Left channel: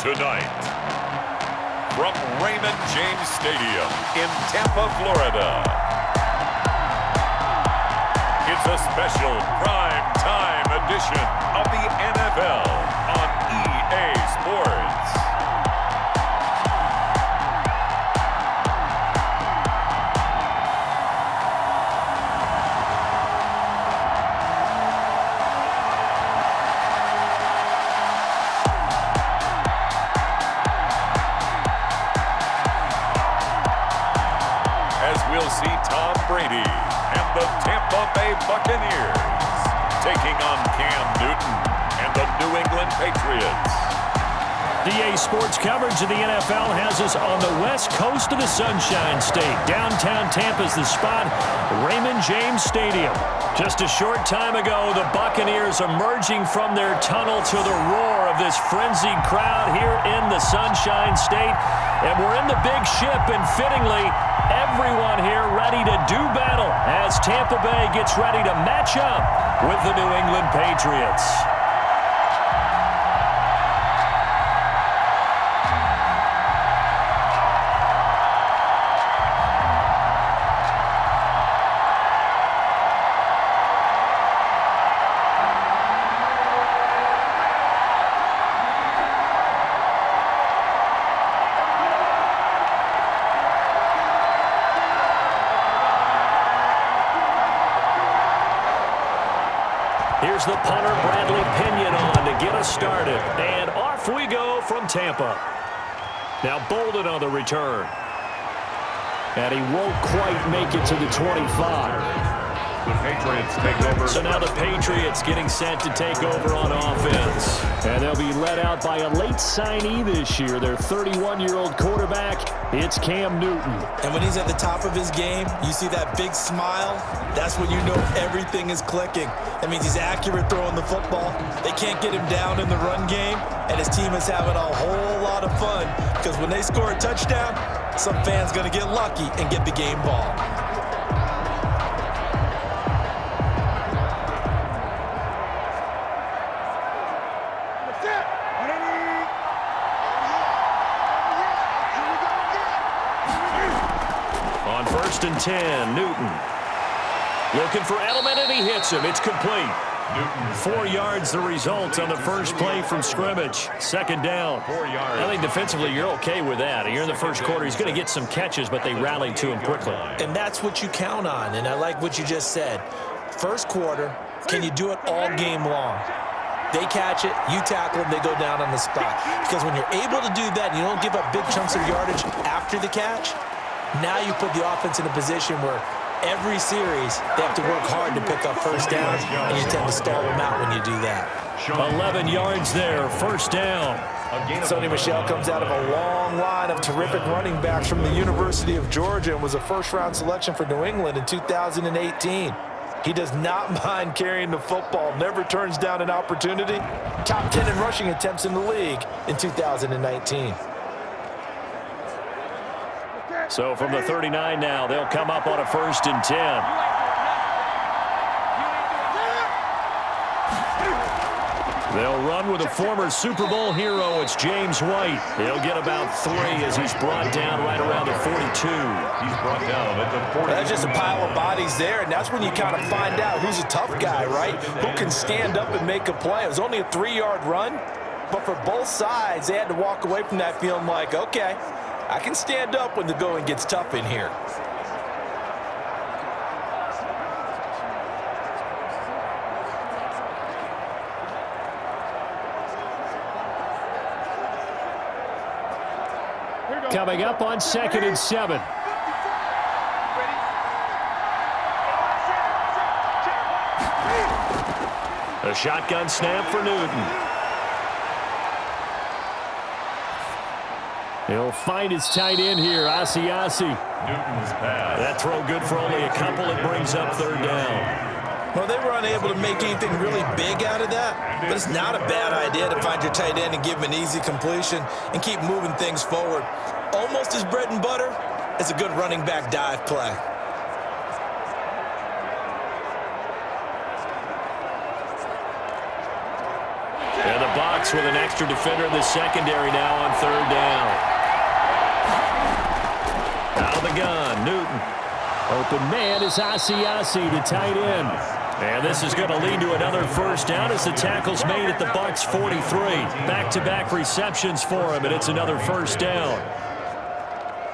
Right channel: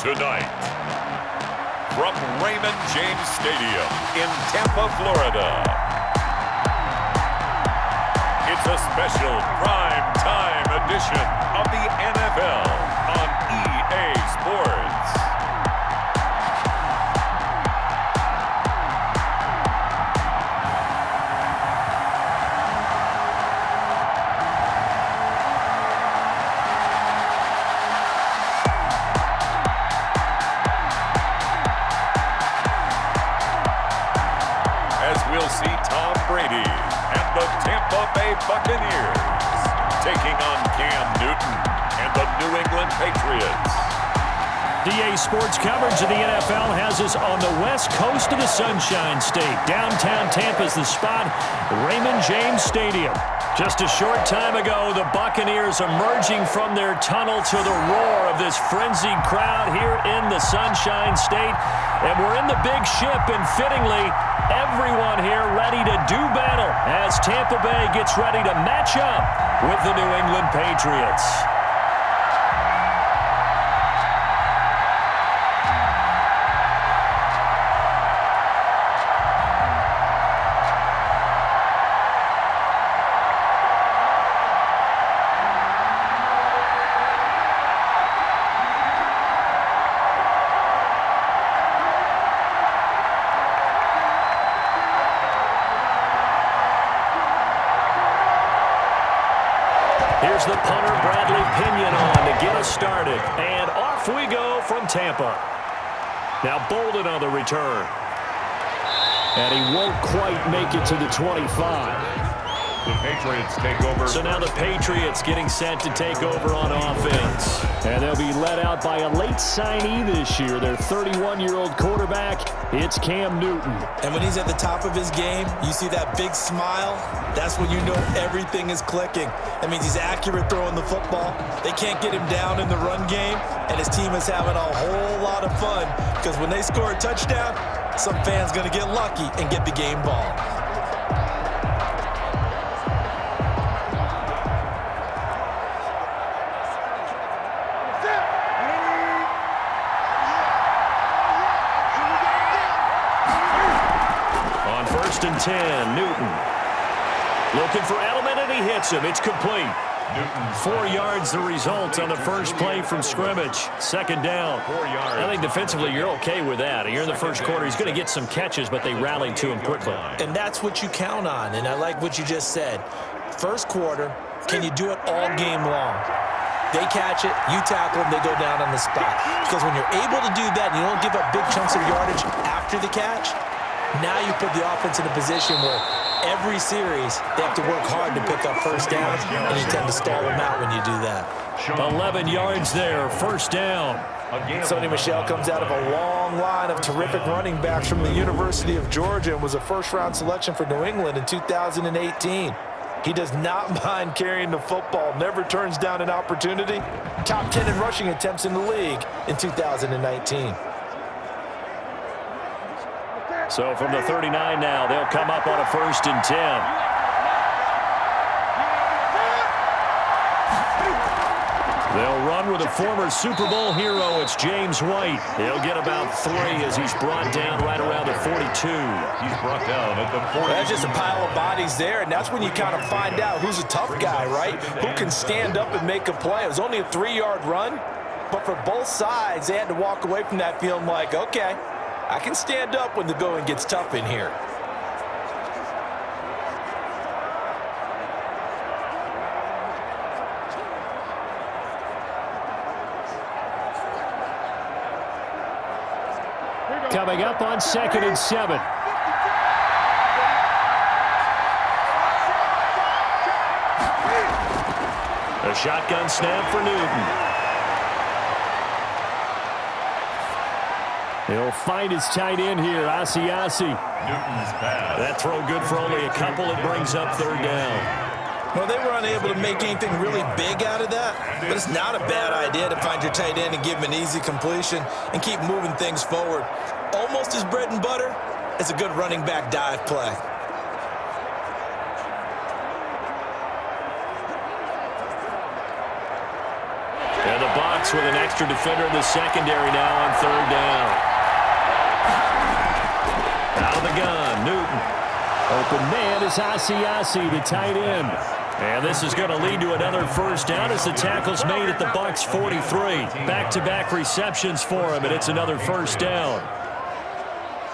Tonight, from Raymond James Stadium in Tampa, Florida, it's a special prime time edition of the NFL on EA Sports. As we'll see Tom Brady and the Tampa Bay Buccaneers taking on Cam Newton and the New England Patriots. EA Sports coverage of the NFL has us on the west coast of the Sunshine State. Downtown Tampa's the spot, Raymond James Stadium. Just a short time ago, the Buccaneers emerging from their tunnel to the roar of this frenzied crowd here in the Sunshine State. And we're in the big ship, and fittingly, everyone here ready to do battle as Tampa Bay gets ready to match up with the New England Patriots. Here's the punter, Bradley Pinion, on to get us started. And off we go from Tampa. Now Bolden on the return. And he won't quite make it to the 25. The Patriots take over. So now the Patriots getting set to take over on offense. And they'll be led out by a late signee this year, their 31-year-old quarterback. It's Cam Newton. And when he's at the top of his game, you see that big smile. That's when you know everything is clicking. That means he's accurate throwing the football. They can't get him down in the run game. And his team is having a whole lot of fun because when they score a touchdown, some fan's going to get lucky and get the game ball. On 1st and 10, Newton. Looking for Edelman, and he hits him. It's complete. Newton. 4 yards the result on the first play from scrimmage. Second down. 4 yards. I think defensively you're okay with that. You're in the first quarter. He's going to get some catches, but they rallied to him quickly. And that's what you count on, and I like what you just said. First quarter, can you do it all game long? They catch it, you tackle them, they go down on the spot. Because when you're able to do that and you don't give up big chunks of yardage after the catch, now you put the offense in a position where every series they have to work hard to pick up first downs, and you tend to stall them out when you do that. 11 yards there, first down. Sonny Michel comes out of a long line of terrific running backs from the University of Georgia and was a first-round selection for New England in 2018. He does not mind carrying the football, never turns down an opportunity. Top 10 in rushing attempts in the league in 2019. So from the 39 now, they'll come up on a 1st and 10. They'll run with a former Super Bowl hero. It's James White. He'll get about 3 as he's brought down right around the 42. He's brought down at the 40. That's just a pile of bodies there, and that's when you kind of find out who's a tough guy, right? Who can stand up and make a play. It was only a 3-yard run, but for both sides, they had to walk away from that feeling like, okay, I can stand up when the going gets tough in here. Coming up on 2nd and 7. A shotgun snap for Newton. He'll find his tight end here, Asiasi. Newton's pass. That throw good for only a couple. It brings up 3rd down. Well, they were unable to make anything really big out of that, but it's not a bad idea to find your tight end and give him an easy completion and keep moving things forward. Almost his bread and butter. It's a good running back dive play. And the Bucs with an extra defender in the secondary now on third down. Out of the gun, Newton. Open man is Asiasi, the tight end. And this is going to lead to another first down as the tackle's made at the Bucs 43. Back-to-back receptions for him, and it's another first down.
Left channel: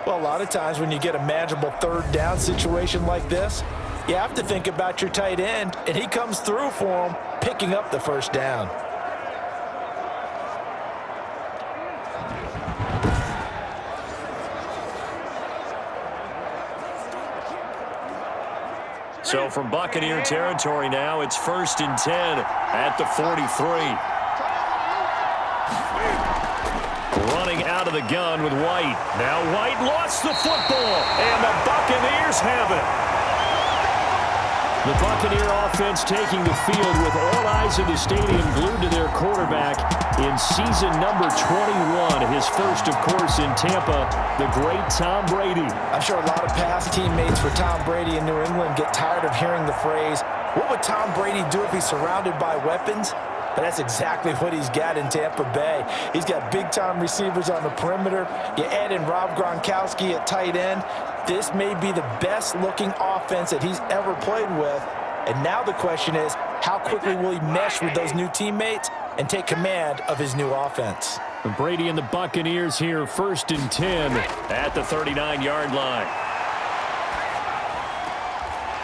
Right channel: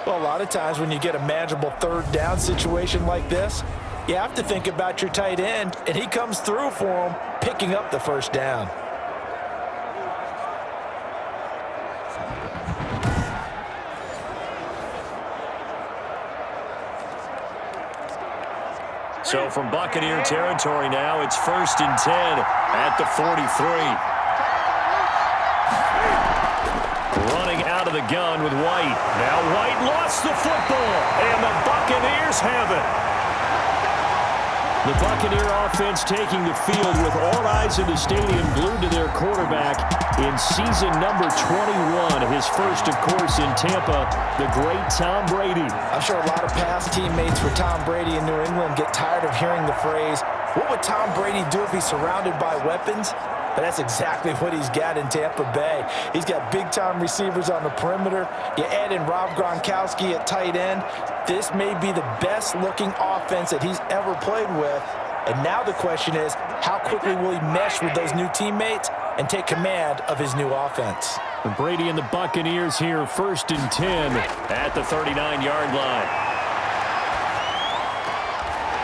Well, a lot of times when you get a manageable third down situation like this, you have to think about your tight end, and he comes through for him, picking up the first down. So from Buccaneer territory now, it's 1st and 10 at the 43. Running out of the gun with White. Now White lost the football, and the Buccaneers have it. The Buccaneer offense taking the field with all eyes in the stadium glued to their quarterback in season number 21. His first, of course, in Tampa, the great Tom Brady. I'm sure a lot of past teammates for Tom Brady in New England get tired of hearing the phrase, what would Tom Brady do if he's surrounded by weapons? But that's exactly what he's got in Tampa Bay. He's got big-time receivers on the perimeter. You add in Rob Gronkowski at tight end. This may be the best-looking offense that he's ever played with. And now the question is, how quickly will he mesh with those new teammates and take command of his new offense? Brady and the Buccaneers here, 1st and 10 at the 39-yard line.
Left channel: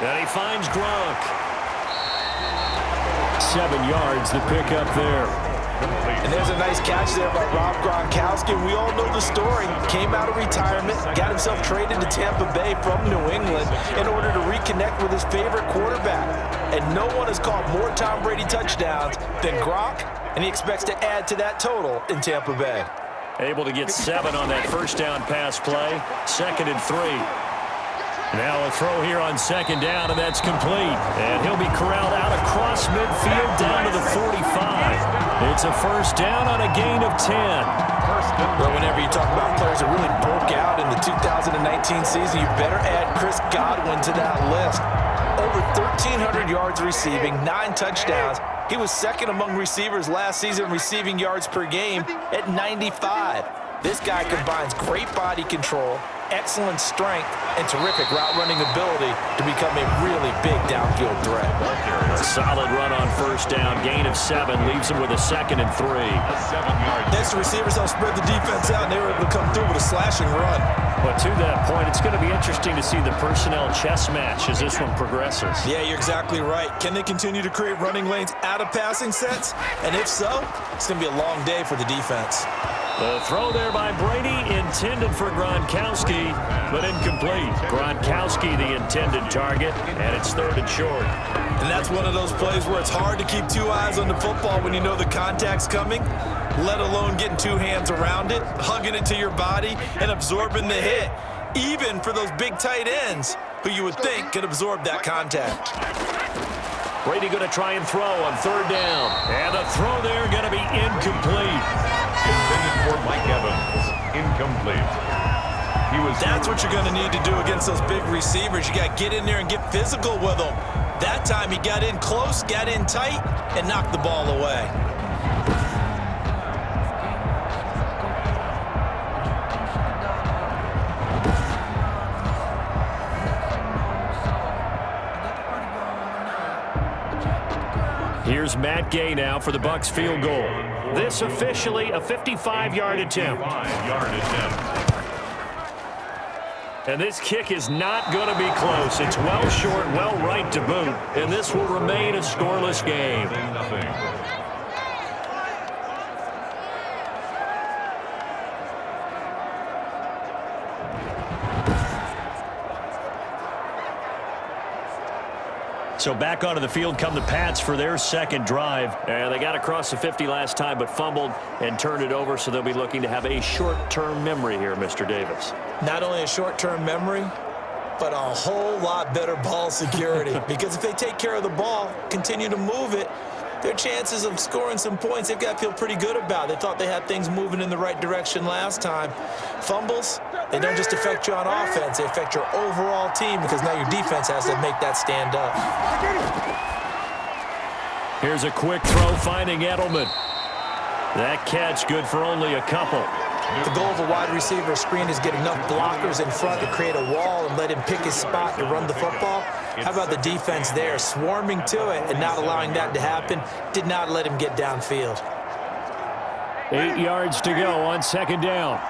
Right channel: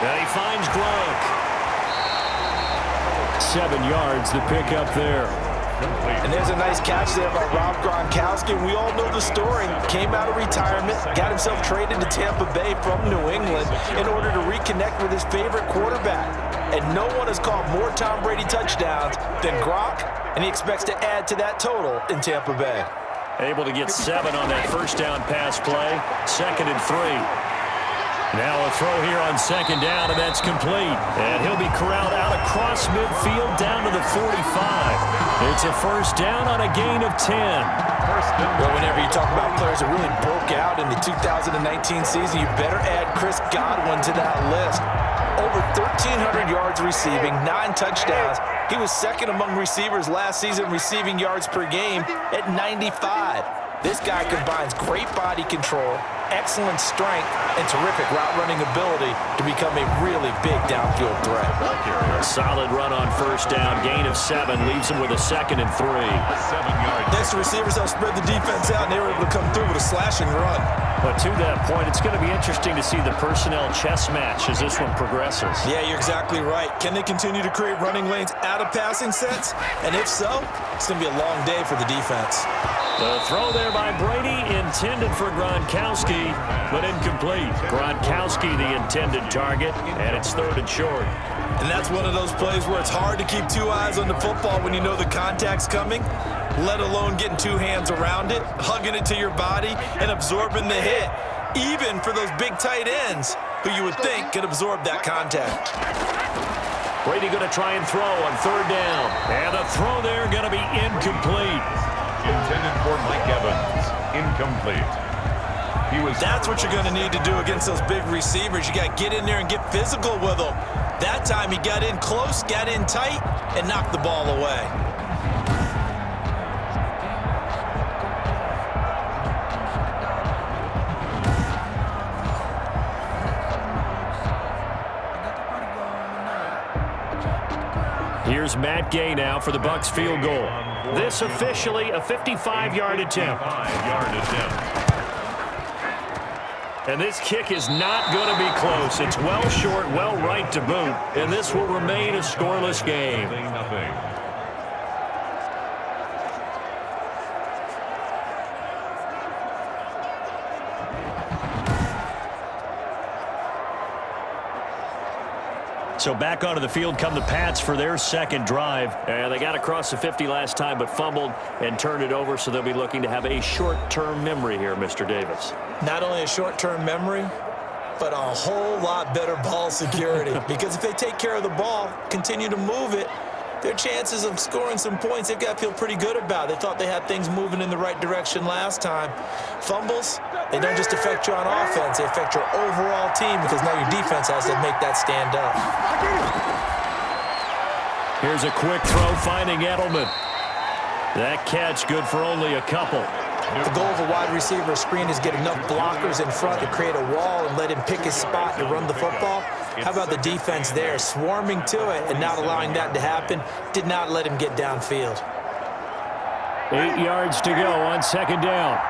And he finds Gronk. 7 yards, the pickup there. And there's a nice catch there by Rob Gronkowski. We all know the story. Came out of retirement, got himself traded to Tampa Bay from New England in order to reconnect with his favorite quarterback. And no one has caught more Tom Brady touchdowns than Gronk, and he expects to add to that total in Tampa Bay. Able to get 7 on that first down pass play. 2nd and 3. Now a throw here on 2nd down, and that's complete. And he'll be corralled out across midfield down to the 45. It's a first down on a gain of 10. Well, whenever you talk about players that really broke out in the 2019 season, you better add Chris Godwin to that list. Over 1,300 yards receiving, 9 touchdowns. He was second among receivers last season receiving yards per game at 95. This guy combines great body control, excellent strength, and terrific route running ability to become a really big downfield threat. A solid run on first down, gain of 7, leaves him with a 2nd and 3. Next, the receivers help spread the defense out, and they were able to come through with a slashing run. But to that point, it's going to be interesting to see the personnel chess match as this one progresses. Yeah, you're exactly right. Can they continue to create running lanes out of passing sets? And if so, it's going to be a long day for the defense. The throw there by Brady, intended for Gronkowski, but incomplete. Gronkowski, the intended target, and it's 3rd and short. And that's one of those plays where it's hard to keep 2 eyes on the football when you know the contact's coming, let alone getting 2 hands around it, hugging it to your body, and absorbing the hit, even for those big tight ends who you would think could absorb that contact. Brady going to try and throw on 3rd down. And the throw there going to be incomplete. Intended for Mike Evans. Incomplete. That's what you're going to need to do against those big receivers. You got to get in there and get physical with them. That time he got in close, got in tight, and knocked the ball away. Here's Matt Gay now for the Bucs field goal. This officially a 55-yard attempt. And this kick is not going to be close. It's well short, well right to boot. And this will remain a scoreless game. So back onto the field come the Pats for their 2nd drive. And they got across the 50 last time but fumbled and turned it over, so they'll be looking to have a short-term memory here, Mr. Davis. Not only a short-term memory, but a whole lot better ball security. Because if they take care of the ball, continue to move it, their chances of scoring some points, they've got to feel pretty good about. They thought they had things moving in the right direction last time. Fumbles, they don't just affect you on offense, they affect your overall team because now your defense has to make that stand up. Here's a quick throw finding Edelman. That catch good for only a couple. The goal of a wide receiver screen is get enough blockers in front to create a wall and let him pick his spot to run the football. How about the defense there, swarming to it and not allowing that to happen? Did not let him get downfield. 8 yards to go on second down.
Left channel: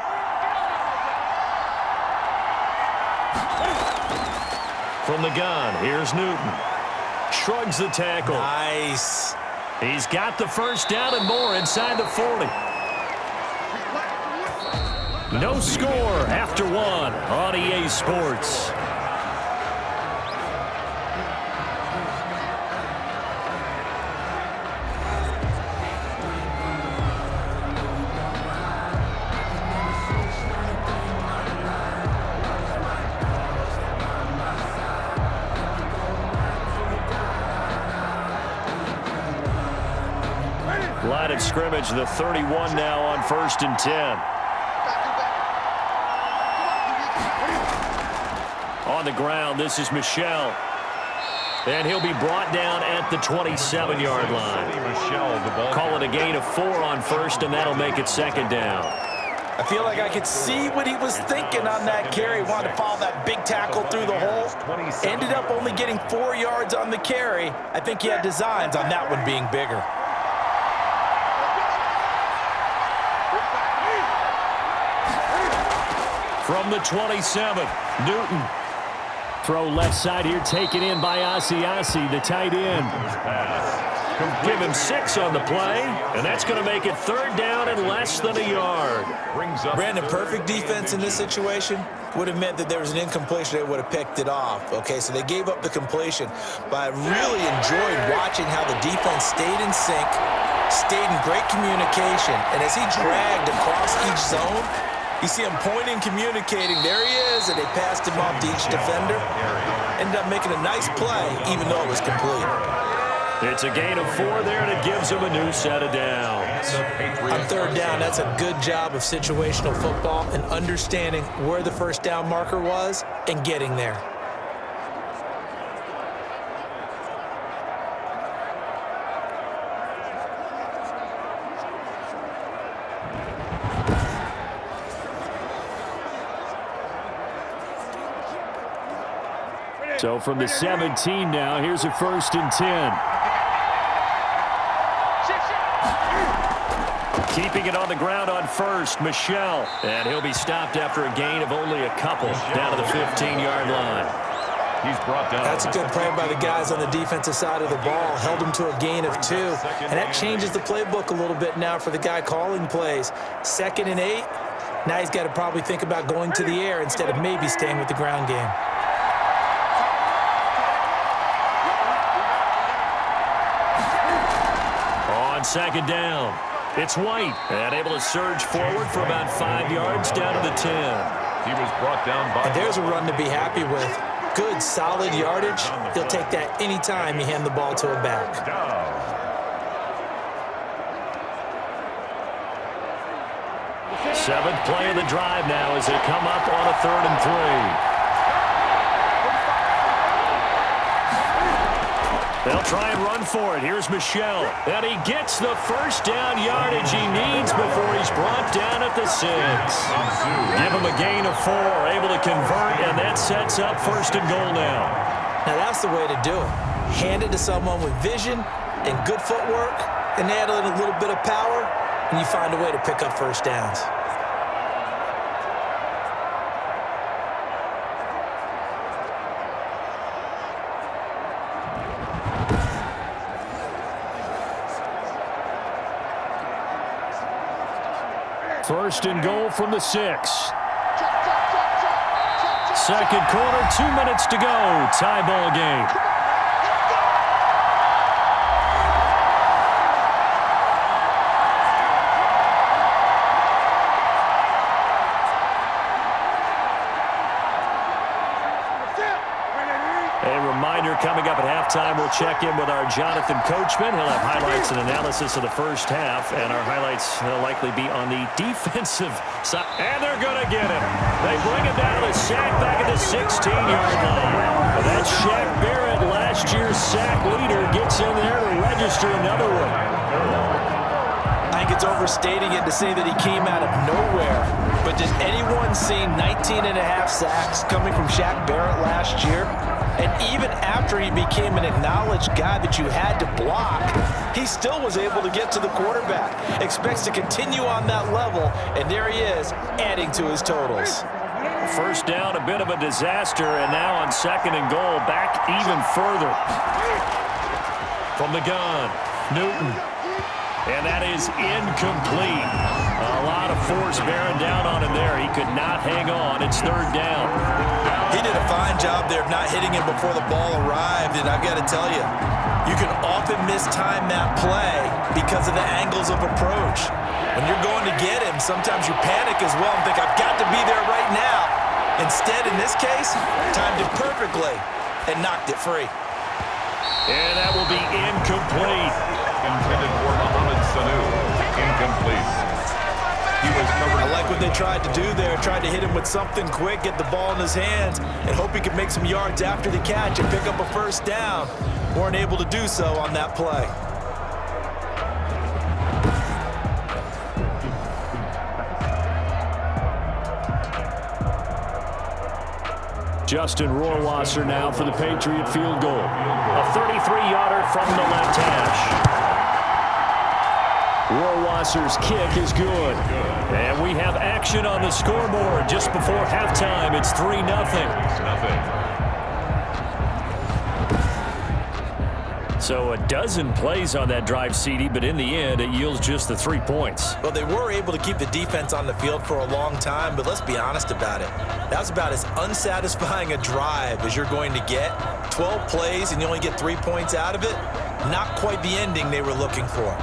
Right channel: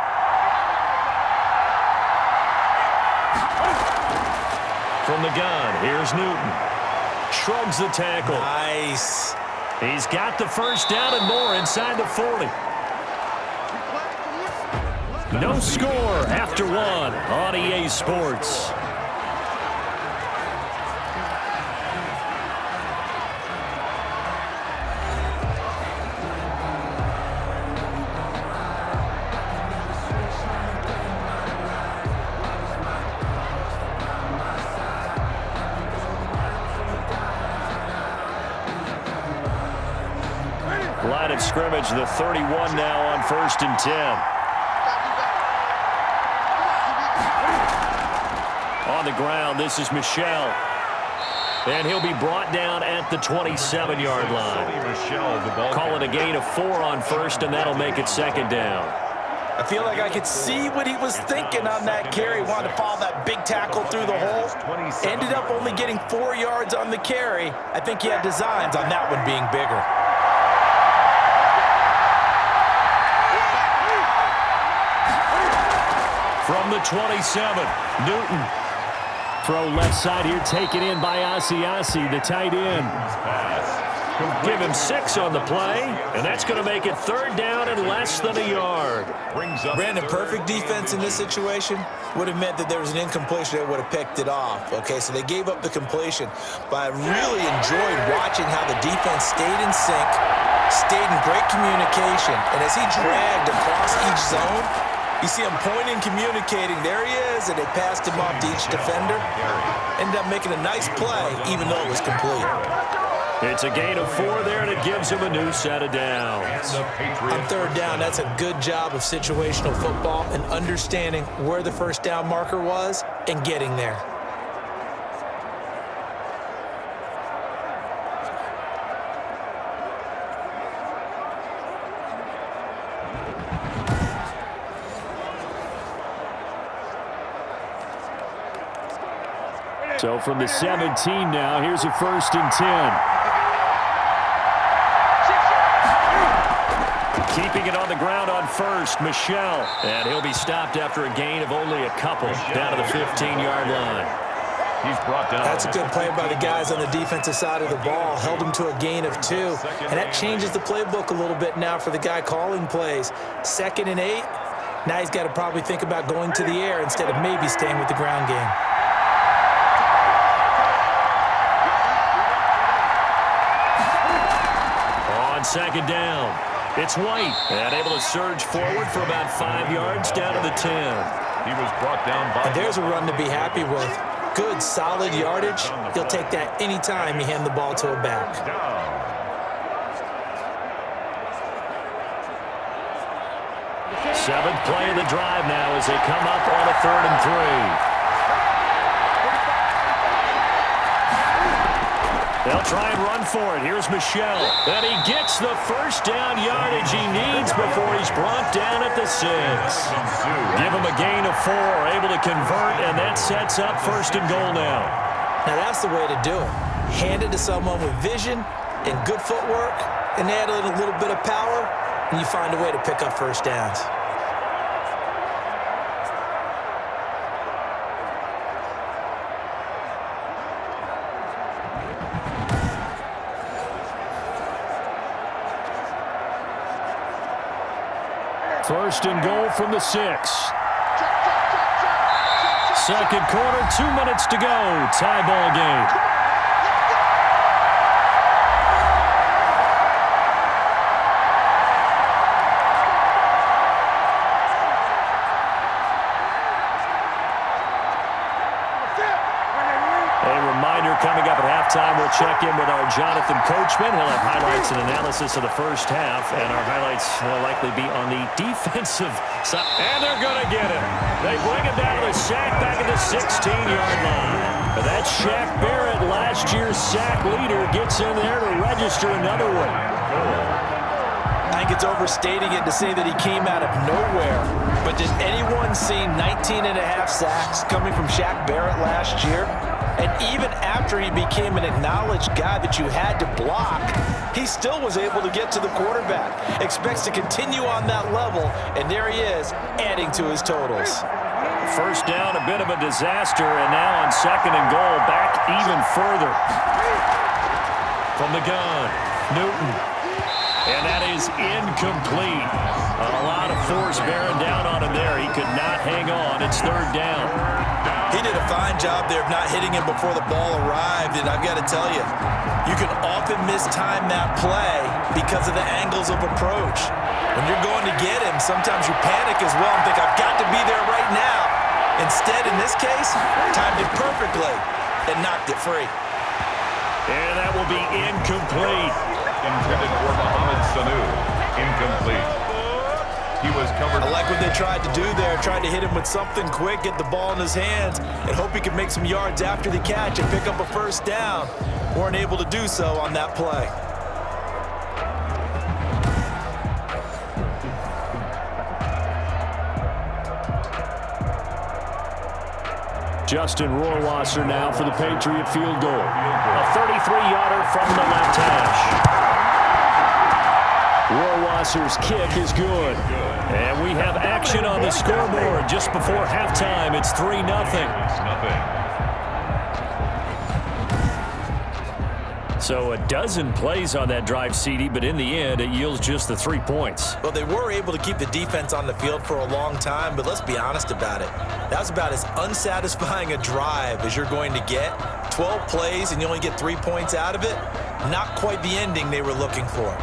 From the gun, here's Newton. Shrugs the tackle. Nice. He's got the first down and more inside the 40. No score after one on EA Sports. Line of scrimmage, the 31 now on 1st and 10. On the ground, this is Michel. And he'll be brought down at the 27-yard line. Call it a gain of 4 on 1st, and that'll make it 2nd down. I feel like I could see what he was thinking on that carry. Wanted to follow that big tackle through the hole. Ended up only getting 4 yards on the carry. I think he had designs on that one being bigger. From the 27, Newton. Throw left side here, taken in by Asiasi, the tight end. Give him 6 on the play, and that's going to make it 3rd down and less than a yard. Brandon, perfect defense in this situation would have meant that there was an incompletion that would have picked it off. Okay, so they gave up the completion, but I really enjoyed watching how the defense stayed in sync, stayed in great communication, and as he dragged across each zone, you see him pointing, communicating. There he is, and they passed him off to each defender. Ended up making a nice play, even though it was complete. It's a gain of 4 there, and it gives him a new set of downs. On 3rd down, that's a good job of situational football and understanding where the first down marker was and getting there. So from the 17 now, here's a 1st and 10. Keeping it on the ground on 1st, Michel. And he'll be stopped after a gain of only a couple down to the 15-yard line. He's brought down. That's a good play by the guys on the defensive side of the ball. Held him to a gain of 2. And that changes the playbook a little bit now for the guy calling plays. 2nd and 8. Now he's got to probably think about going to the air instead of maybe staying with the ground game. On 2nd down, it's White, and able to surge forward for about 5 yards down to the 10. He was brought down by. And there's a run to be happy with. Good, solid yardage. He'll take that anytime you hand the ball to a back. 7th play of the drive now as they come up on a 3rd and 3. They'll try and run for it. Here's Michel. And he gets the first down yardage he needs before he's brought down at the 6. Give him a gain of 4, able to convert, and that sets up 1st and goal now. Now that's the way to do it. Hand it to someone with vision and good footwork, and add in a little bit of power, and you find a way to pick up 1st downs. First and goal from the 6. Second quarter, 2 minutes to go. Tie ball game. A reminder coming up at halftime, we'll check in with our Jonathan Coachman. He'll have highlights and analysis of the first half, and our highlights will likely be on the defensive side. And they're going to get him. They bring him down to the sack back at the 16-yard line. And that's Shaq Barrett, last year's sack leader, gets in there to register another one. I think it's overstating it to say that he came out of nowhere. But did anyone see 19 and a half sacks coming from Shaq Barrett last year? And even after he became an acknowledged guy that you had to block, he still was able to get to the quarterback. Expects to continue on that level, and there he is, adding to his totals. First down, a bit of a disaster, and now on 2nd and goal, back even further. From the gun, Newton. And that is incomplete. A lot of force bearing down on him there. He could not hang on. It's 3rd down. He did a fine job there of not hitting him before the ball arrived, and I've got to tell you, you can often mistime that play because of the angles of approach. When you're going to get him, sometimes you panic as well and think, I've got to be there right now. Instead, in this case, timed it perfectly and knocked it free. And that will be incomplete. Intended for Mohamed Sanu. Incomplete. He was covered. I like what they tried to do there. Tried to hit him with something quick, get the ball in his hands, and hope he could make some yards after the catch and pick up a first down. Weren't able to do so on that play. Justin Rohrwasser now for the Patriot field goal. A 33-yarder from the left hash. Rohrwasser's kick is good. And we have action on the scoreboard just before halftime. It's 3-0. So a dozen plays on that drive, CD, but in the end, it yields just the 3 points. Well, they were able to keep the defense on the field for a long time, but let's be honest about it. That was about as unsatisfying a drive as you're going to get. 12 plays and you only get 3 points out of it. Not quite the ending they were looking for.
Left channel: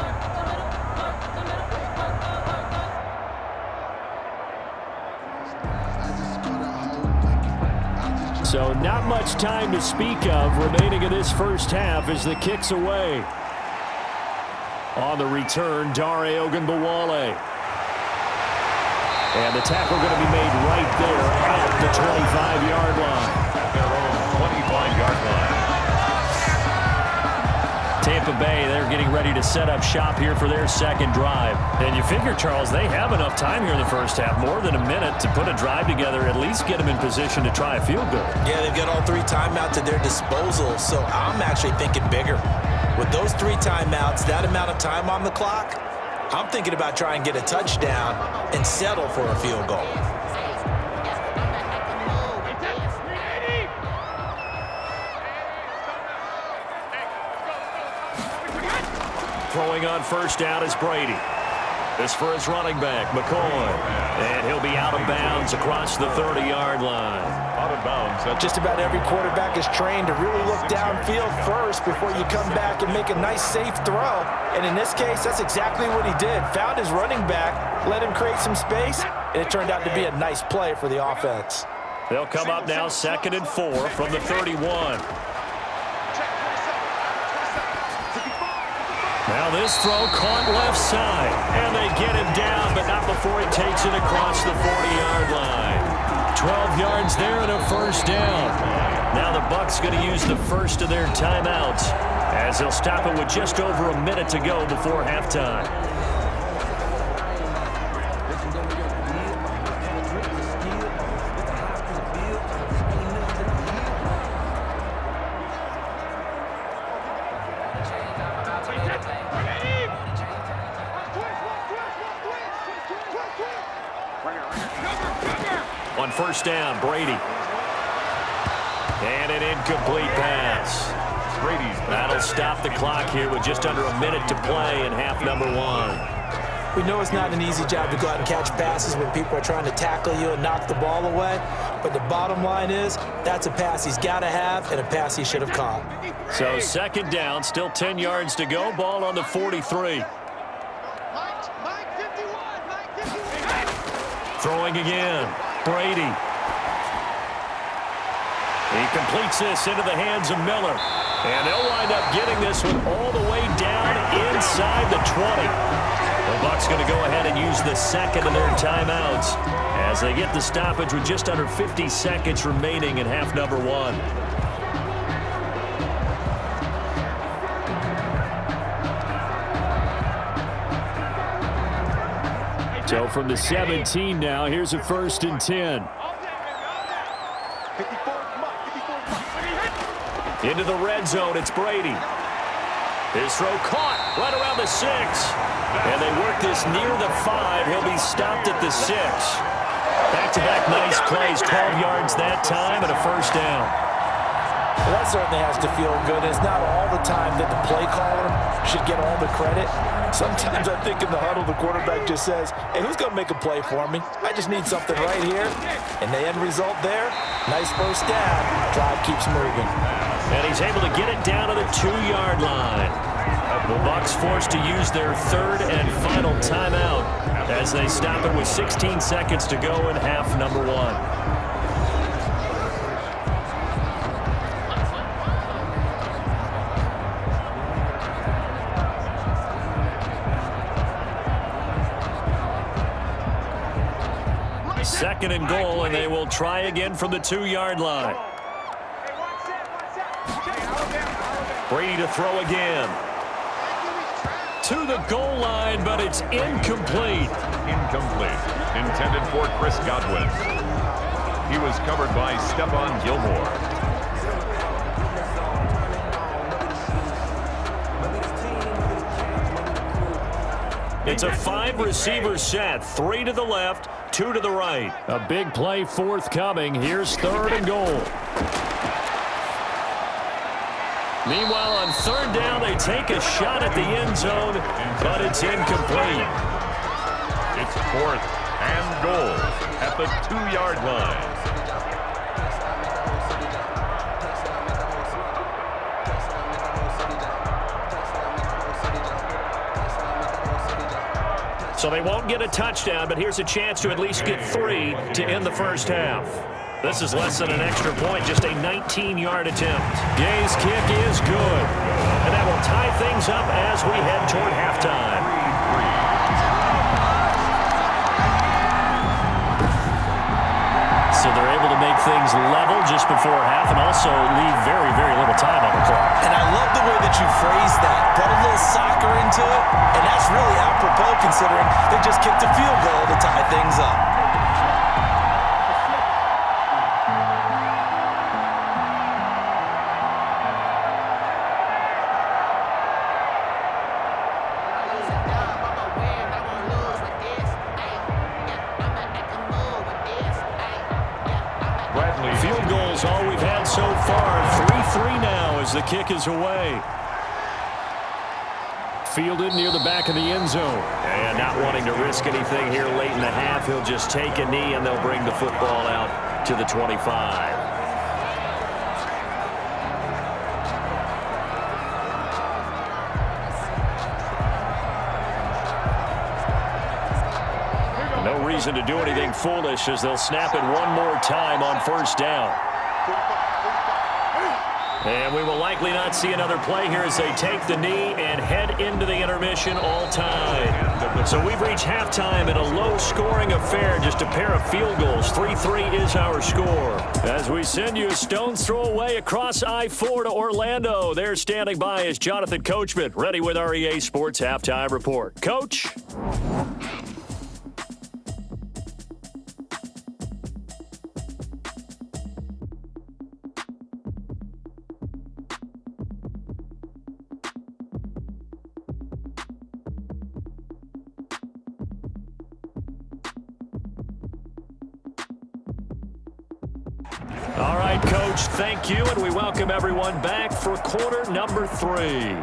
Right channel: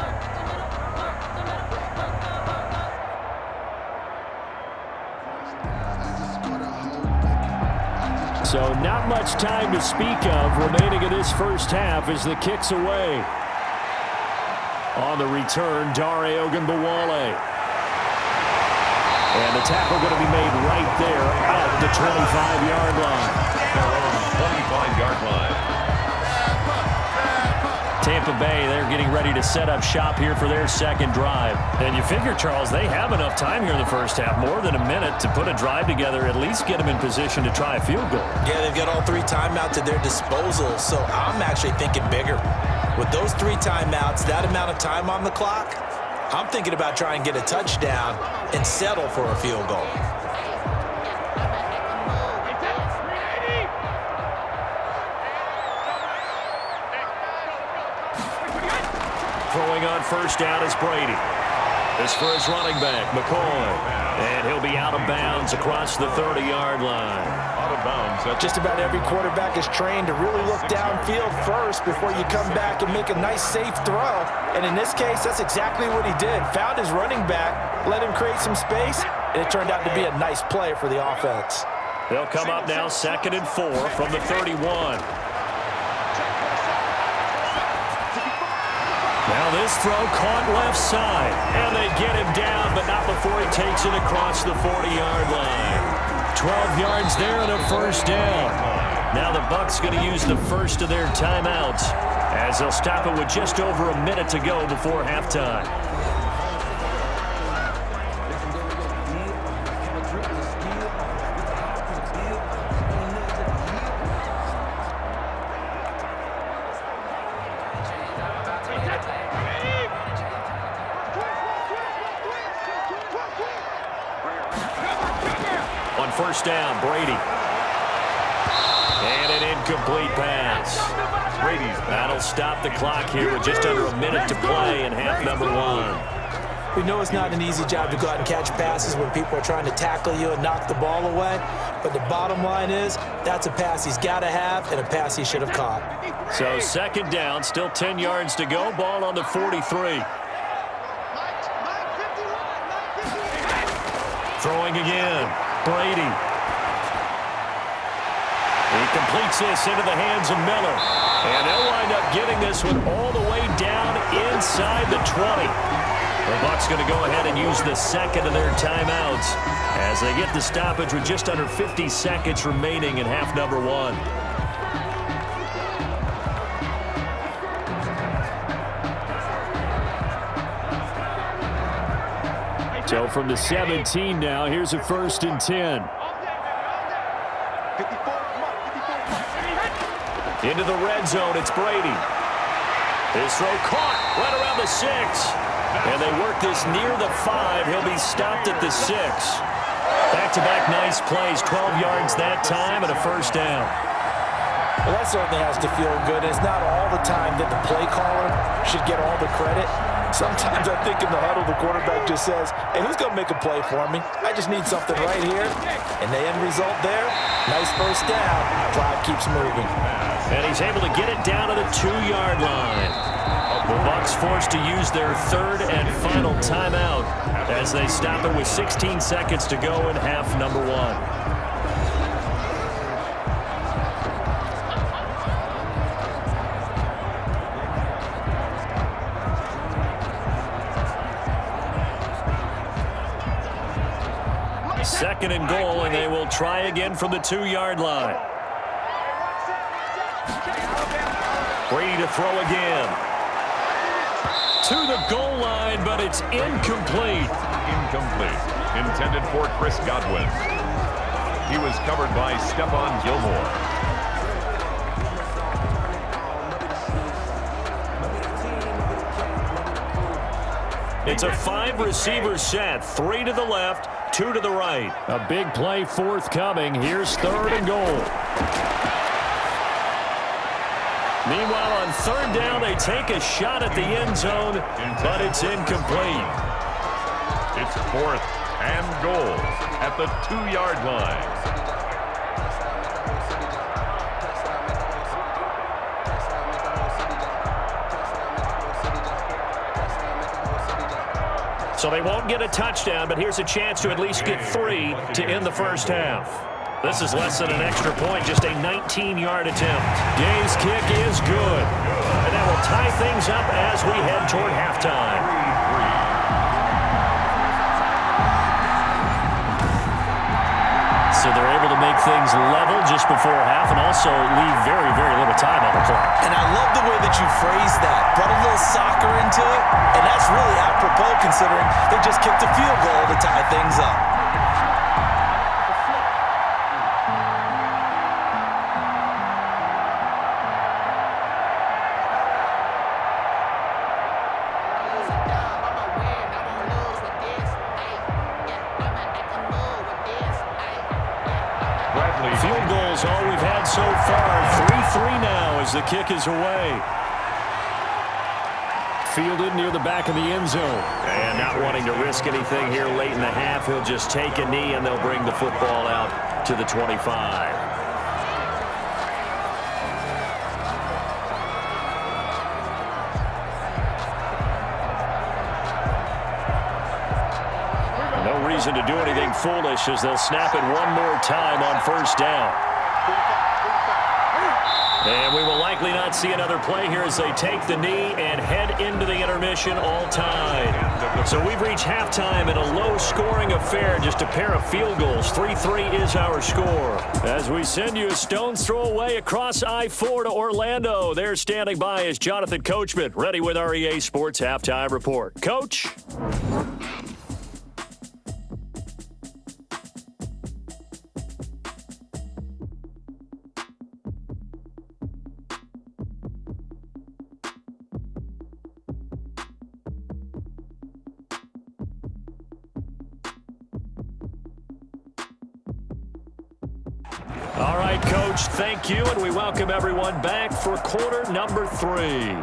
So not much time to speak of remaining in this first half as the kick's away. On the return, Dare Ogunbowale. And the tackle going to be made right there at the 25-yard line. Their own 25-yard line. Tampa Bay, they're getting ready to set up shop here for their second drive. And you figure, Charles, they have enough time here in the first half, more than a minute, to put a drive together, at least get them in position to try a field goal. Yeah, they've got all 3 timeouts at their disposal, so I'm actually thinking bigger. With those 3 timeouts, that amount of time on the clock, I'm thinking about trying to get a touchdown and settle for a field goal. Throwing on first down is Brady. This for his running back, McCoy. And he'll be out of bounds across the 30-yard line. Out of bounds. Just about every quarterback is trained to really look downfield first before you come back and make a nice, safe throw. And in this case, that's exactly what he did. Found his running back, let him create some space, and it turned out to be a nice play for the offense. They'll come up now 2nd and 4 from the 31. Now this throw caught left side, and they get him down, but not before he takes it across the 40-yard line. 12 yards there and a first down. Now the Bucs going to use the first of their timeouts as they'll stop it with just over a minute to go before halftime. On first down, Brady. And an incomplete pass. That'll stop the clock here with just under a minute to play in half number 1. We know it's not an easy job to go out and catch passes when people are trying to tackle you and knock the ball away. But the bottom line is, that's a pass he's got to have and a pass he should have caught. So 2nd down, still 10 yards to go. Ball on the 43. Throwing again. Brady. He completes this into the hands of Miller. And they'll wind up getting this one all the way down inside the 20. The Bucs going to go ahead and use the second of their timeouts as they get the stoppage with just under 50 seconds remaining in half number 1. So from the 17 now, here's a 1st and 10. Into the red zone, it's Brady. His throw caught right around the 6. And they work this near the 5. He'll be stopped at the 6. Back-to-back nice plays, 12 yards that time and a 1st down. Well, that certainly has to feel good. It's not all the time that the play caller should get all the credit. Sometimes I think in the huddle, the quarterback just says, hey, who's going to make a play for me? I just need something right here. And the end result there, nice 1st down. Drive keeps moving. And he's able to get it down to the 2-yard line. The Bucs forced to use their 3rd and final timeout as they stop it with 16 seconds to go in half number 1. Second and goal, and they will try again from the 2-yard line. Brady to throw again. To the goal line, but it's incomplete. Incomplete. Intended for Chris Godwin. He was covered by Stephon Gilmore. It's a 5-receiver set. 3 to the left, 2 to the right. A big play forthcoming. Here's 3rd and goal. Meanwhile, on 3rd down, they take a shot at the end zone, but it's incomplete. It's 4th and goal at the 2-yard line. So they won't get a touchdown, but here's a chance to at least get 3 to end the 1st half. This is less than an extra point, just a 19-yard attempt. Gay's kick is good. And that will tie things up as we head toward halftime. 3-3. So they're able to make things level just before half and also leave very, very little time on the clock. And I love the way that you phrased that. Brought a little soccer into it, and that's really apropos considering they just kicked a field goal to tie things up. Field goals all we've had so far. 3-3 now as the kick is away. Fielded near the back of the end zone. And not wanting to risk anything here late in the half, he'll just take a knee and they'll bring the football out to the 25. No reason to do anything foolish as they'll snap it one more time on 1st down. And we will likely not see another play here as they take the knee and head into the intermission all tied. So we've reached halftime in a low-scoring affair, just a pair of field goals. 3-3 is our score. As we send you a stone's throw away across I-4 to Orlando. There standing by is Jonathan Coachman, ready with our EA Sports Halftime Report. Coach? All right, Coach, thank you, and we welcome everyone back for quarter number 3.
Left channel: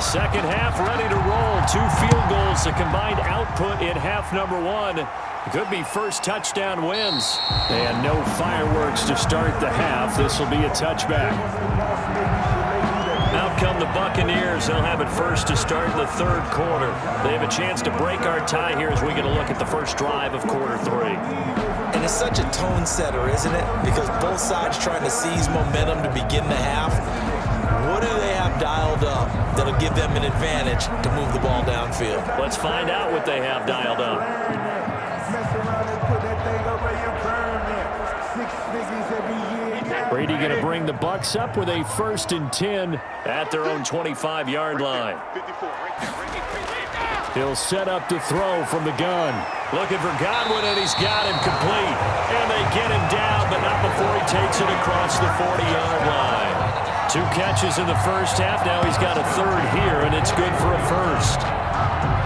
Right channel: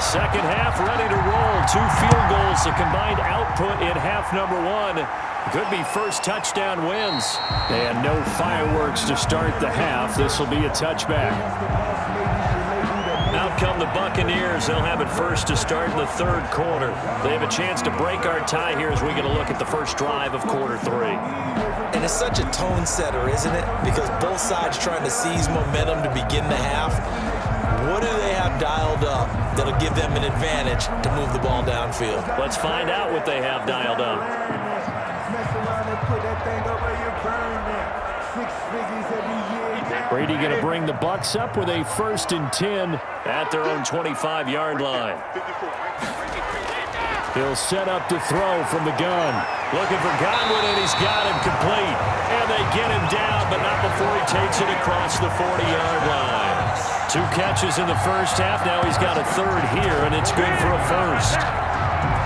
Second half ready to roll. 2 field goals, the combined output in half number 1. Could be first touchdown wins. And no fireworks to start the half. This will be a touchback. Out come the Buccaneers. They'll have it first to start in the third quarter. They have a chance to break our tie here as we get a look at the first drive of quarter 3. And it's such a tone setter, isn't it? Because both sides trying to seize momentum to begin the half. What do they have dialed up that'll give them an advantage to move the ball downfield? Let's find out what they have dialed up. Brady going to bring the Bucs up with a 1st and 10 at their own 25-yard line. He'll set up to throw from the gun. Looking for Godwin, and he's got him complete. And they get him down, but not before he takes it across the 40-yard line. 2 catches in the first half. Now he's got a 3rd here, and it's good for a 1st.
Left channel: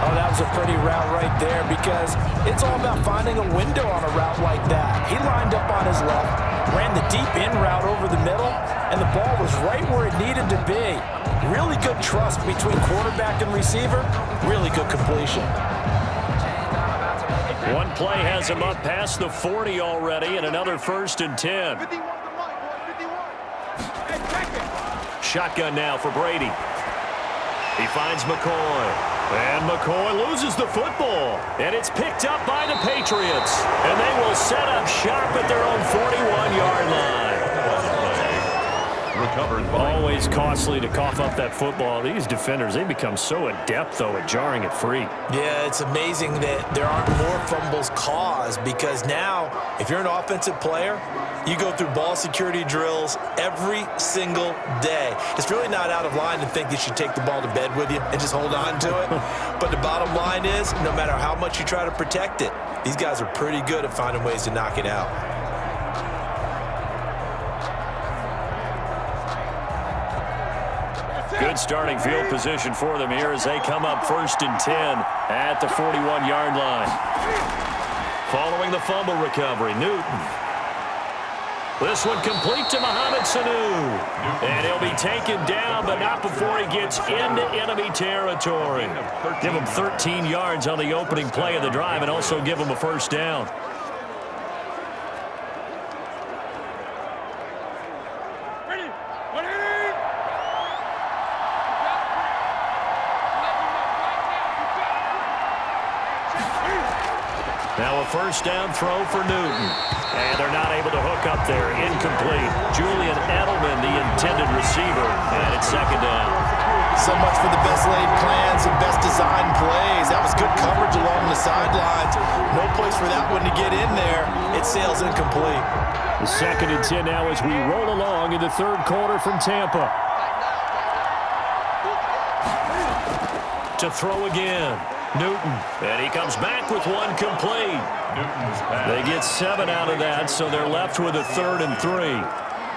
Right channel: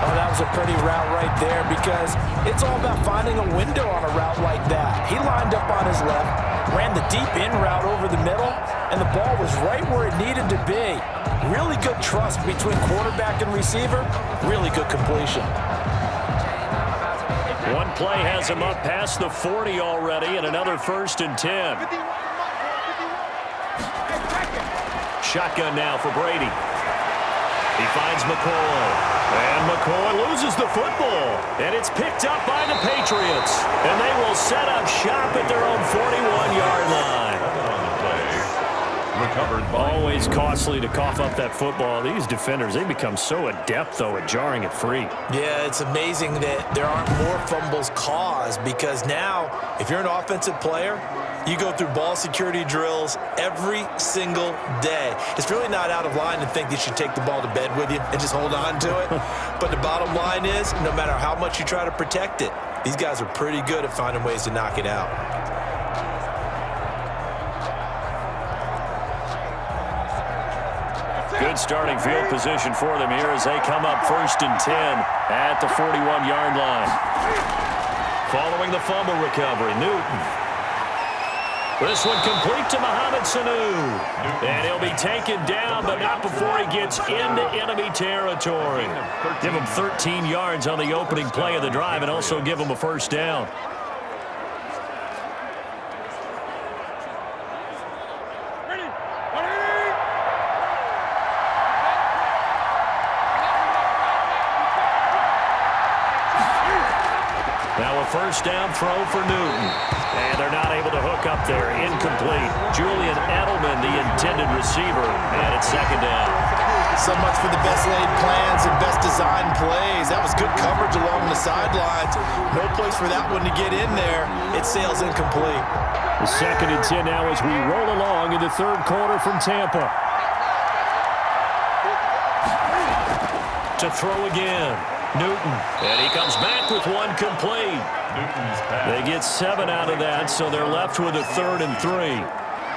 Oh, that was a pretty route right there because it's all about finding a window on a route like that. He lined up on his left, ran the deep in route over the middle, and the ball was right where it needed to be. Really good trust between quarterback and receiver. Really good completion. One play has him up past the 40 already, and another 1st and 10. Shotgun now for Brady. He finds McCoy. And McCoy loses the football. And it's picked up by the Patriots. And they will set up shop at their own 41-yard line. On the play. Recovered by... Always costly to cough up that football. These defenders, they become so adept, though, at jarring it free. Yeah, it's amazing that there aren't more fumbles caused because now, if you're an offensive player, you go through ball security drills every single day. It's really not out of line to think you should take the ball to bed with you and just hold on to it. But the bottom line is, no matter how much you try to protect it, these guys are pretty good at finding ways to knock it out. Good starting field position for them here as they come up 1st and 10 at the 41-yard line. Following the fumble recovery, Newton. This one complete to Mohamed Sanu. And he'll be taken down, but not before he gets into enemy territory. Give him 13 yards on the opening play of the drive and also give him a 1st down. Now a 1st down throw for Newton. And they're not able to hook up there. Incomplete. Julian Edelman, the intended receiver, and it's 2nd down. So much for the best laid plans and best designed plays. That was good coverage along the sidelines. No place for that one to get in there. It sails incomplete. The 2nd and 10 now as we roll along in the 3rd quarter from Tampa. To throw again. Newton. And he comes back with one complete. Newton's pass. They get 7 out of that, so they're left with a 3rd and 3.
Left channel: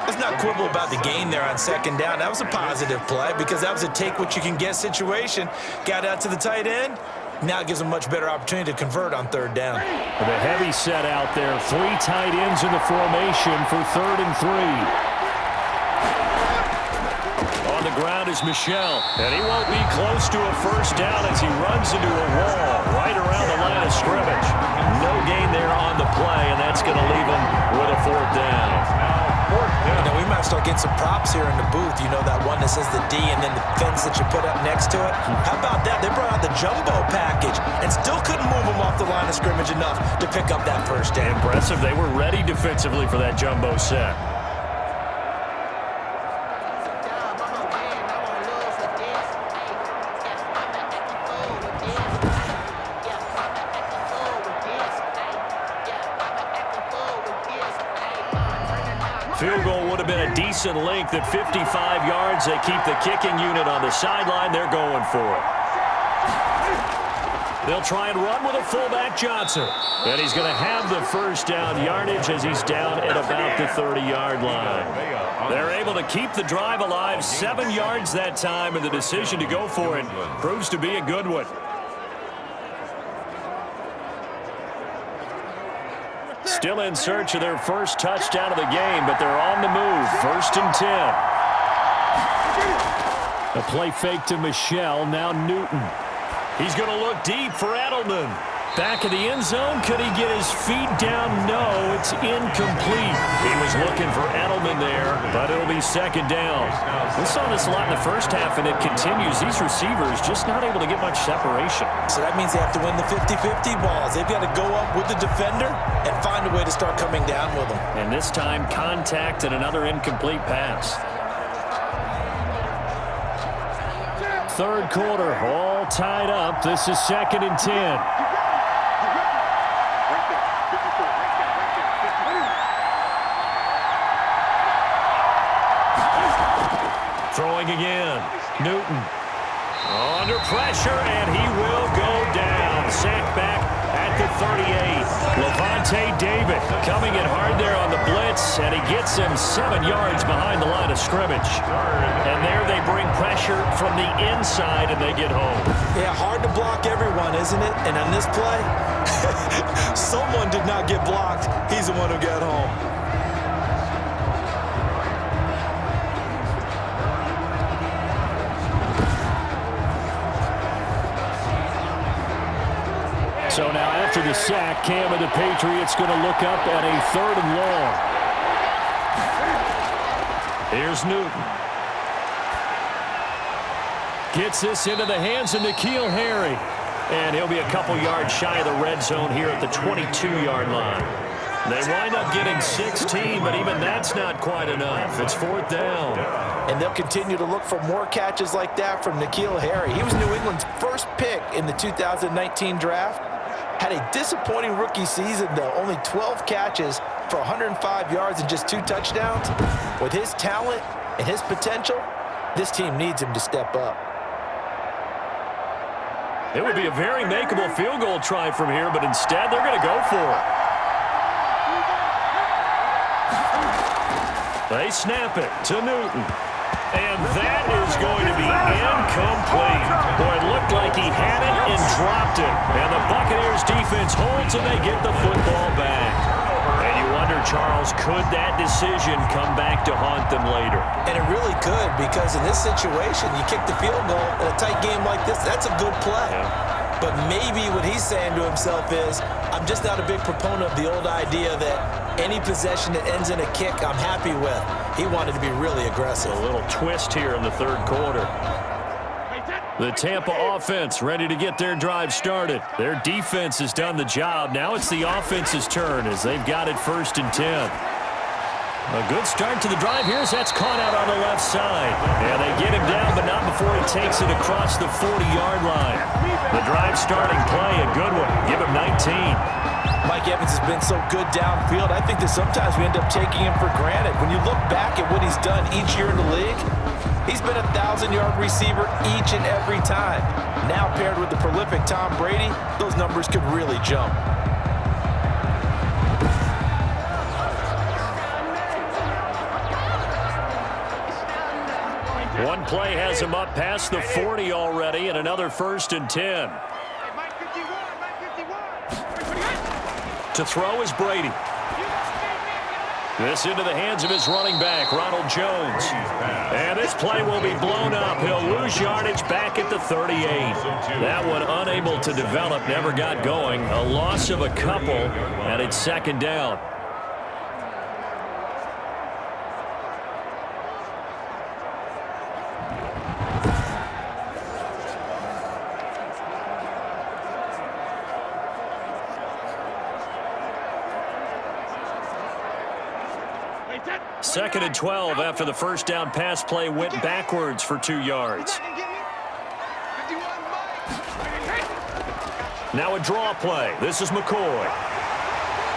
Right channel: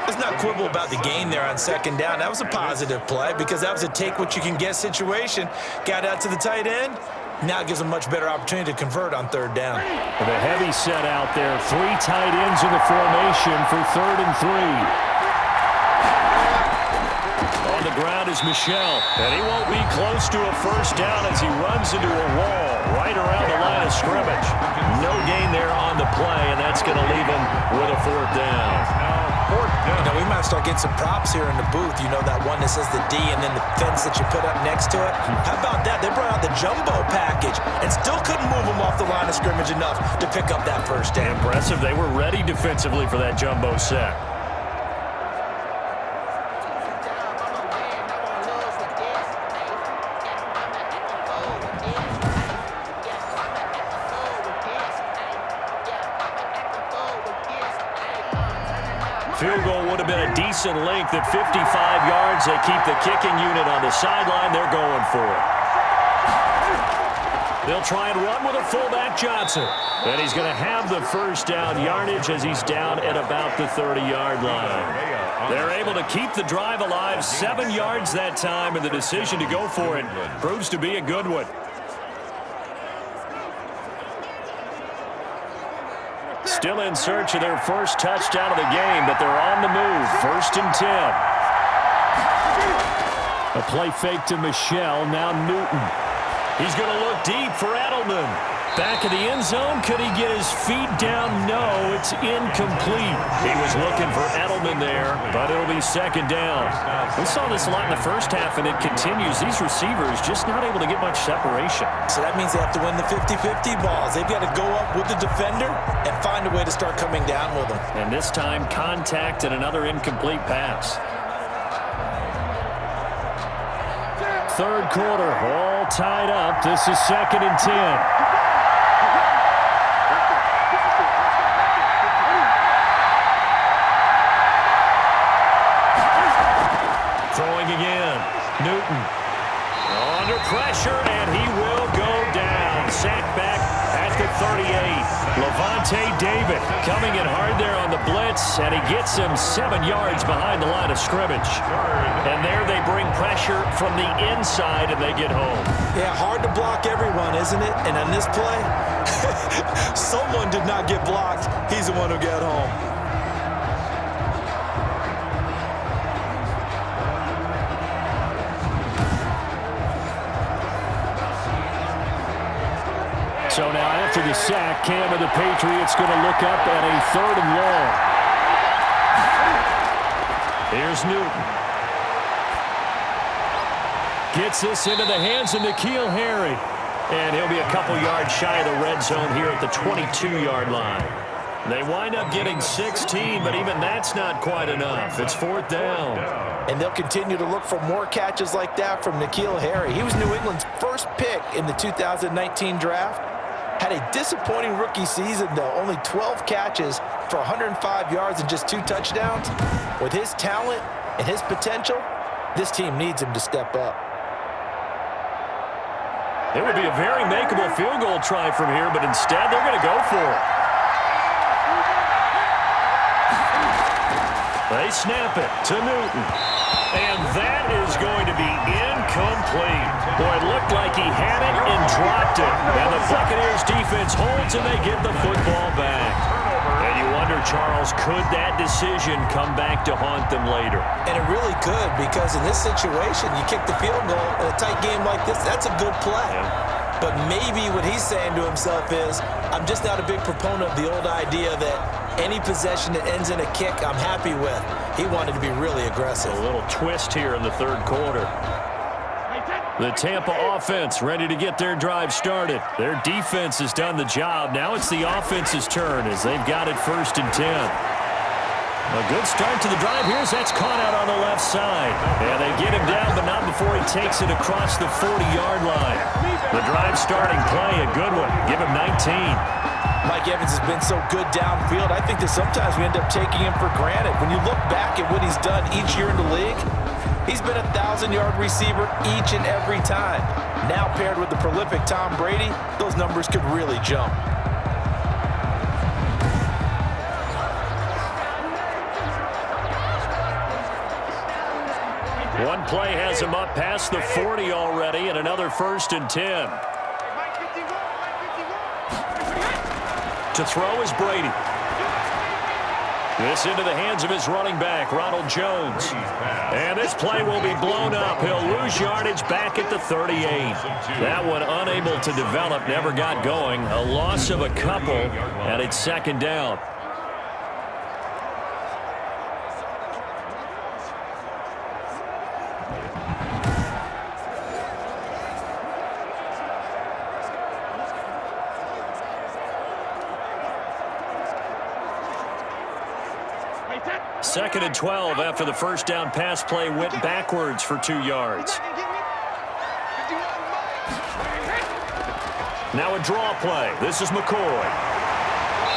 Let's not quibble about the gain there on 2nd down. That was a positive play because that was a take-what-you-can-get situation. Got out to the tight end. Now it gives them much better opportunity to convert on 3rd down. With a heavy set out there. 3 tight ends in the formation for 3rd and 3. On the ground is Michel, and he won't be close to a 1st down as he runs into a wall right around the line of scrimmage. No gain there on the play, and that's going to leave him with a 4th down. Now 4th down. You know, we might start getting some props here in the booth. You know, that one that says the D and then the fence that you put up next to it. How about that? They brought out the jumbo package and still couldn't move him off the line of scrimmage enough to pick up that 1st down. Impressive. They were ready defensively for that jumbo set. Field goal would have been a decent length at 55 yards. They keep the kicking unit on the sideline. They're going for it. They'll try and run with a fullback, Johnson. And he's going to have the 1st down yardage as he's down at about the 30-yard line. They're able to keep the drive alive. 7 yards that time, and the decision to go for it proves to be a good one. Still in search of their 1st touchdown of the game, but they're on the move. 1st and 10. A play fake to Michel. Now Newton. He's going to look deep for Edelman. Back of the end zone. Could he get his feet down? No, it's incomplete. He was looking for Edelman there, but it'll be second down. We saw this a lot in the first half, and it continues. These receivers just not able to get much separation. So that means they have to win the 50-50 balls. They've got to go up with the defender and find a way to start coming down with them. And this time, contact and another incomplete pass. Third quarter, all tied up. This is 2nd and 10. Throwing again. Newton under pressure, and he will go down. Sacked back at the 38. Levante David coming in hard there on the blitz, and he gets him 7 yards behind the line of scrimmage. And there they bring pressure from the inside, and they get home. Yeah, hard to block everyone, isn't it? And on this play, someone did not get blocked. He's the one who got home. So now after the sack, Cam of the Patriots going to look up at a 3rd and long. Here's Newton. Gets this into the hands of N'Keal Harry. And he'll be a couple yards shy of the red zone here at the 22-yard line. They wind up getting 16, but even that's not quite enough. It's 4th down. And they'll continue to look for more catches like that from N'Keal Harry. He was New England's first pick in the 2019 draft. Had a disappointing rookie season, though. Only 12 catches for 105 yards and just 2 touchdowns. With his talent and his potential, this team needs him to step up. It would be a very makeable field goal try from here, but instead they're going to go for it. They snap it to Newton. And that is going to be incomplete. Boy, it looked like he had it and dropped it. And the Buccaneers defense holds and they get the football back. And you wonder, Charles, could that decision come back to haunt them later? And it really could, because in this situation, you kick the field goal in a tight game like this, that's a good play. Yeah. But maybe what he's saying to himself is, I'm just not a big proponent of the old idea that any possession that ends in a kick I'm happy with. He wanted to be really aggressive. A little twist here in the 3rd quarter. The Tampa offense ready to get their drive started. Their defense has done the job. Now it's the offense's turn as they've got it 1st and 10. A good start to the drive here as that's caught out on the left side. And they get him down, but not before he takes it across the 40-yard line. The drive starting play, a good one. Give him 19. Mike Evans has been so good downfield. I think that sometimes we end up taking him for granted. When you look back at what he's done each year in the league, he's been a 1,000-yard receiver each and every time. Now paired with the prolific Tom Brady, those numbers could really jump. One play has him up past the 40 already, and another 1st and 10. To throw is Brady. This into the hands of his running back, Ronald Jones. And this play will be blown up. He'll lose yardage back at the 38. That one unable to develop, never got going. A loss of a couple, and it's 2nd down. Second and 12 after the 1st down pass play went backwards for 2 yards. Now a draw play. This is McCoy.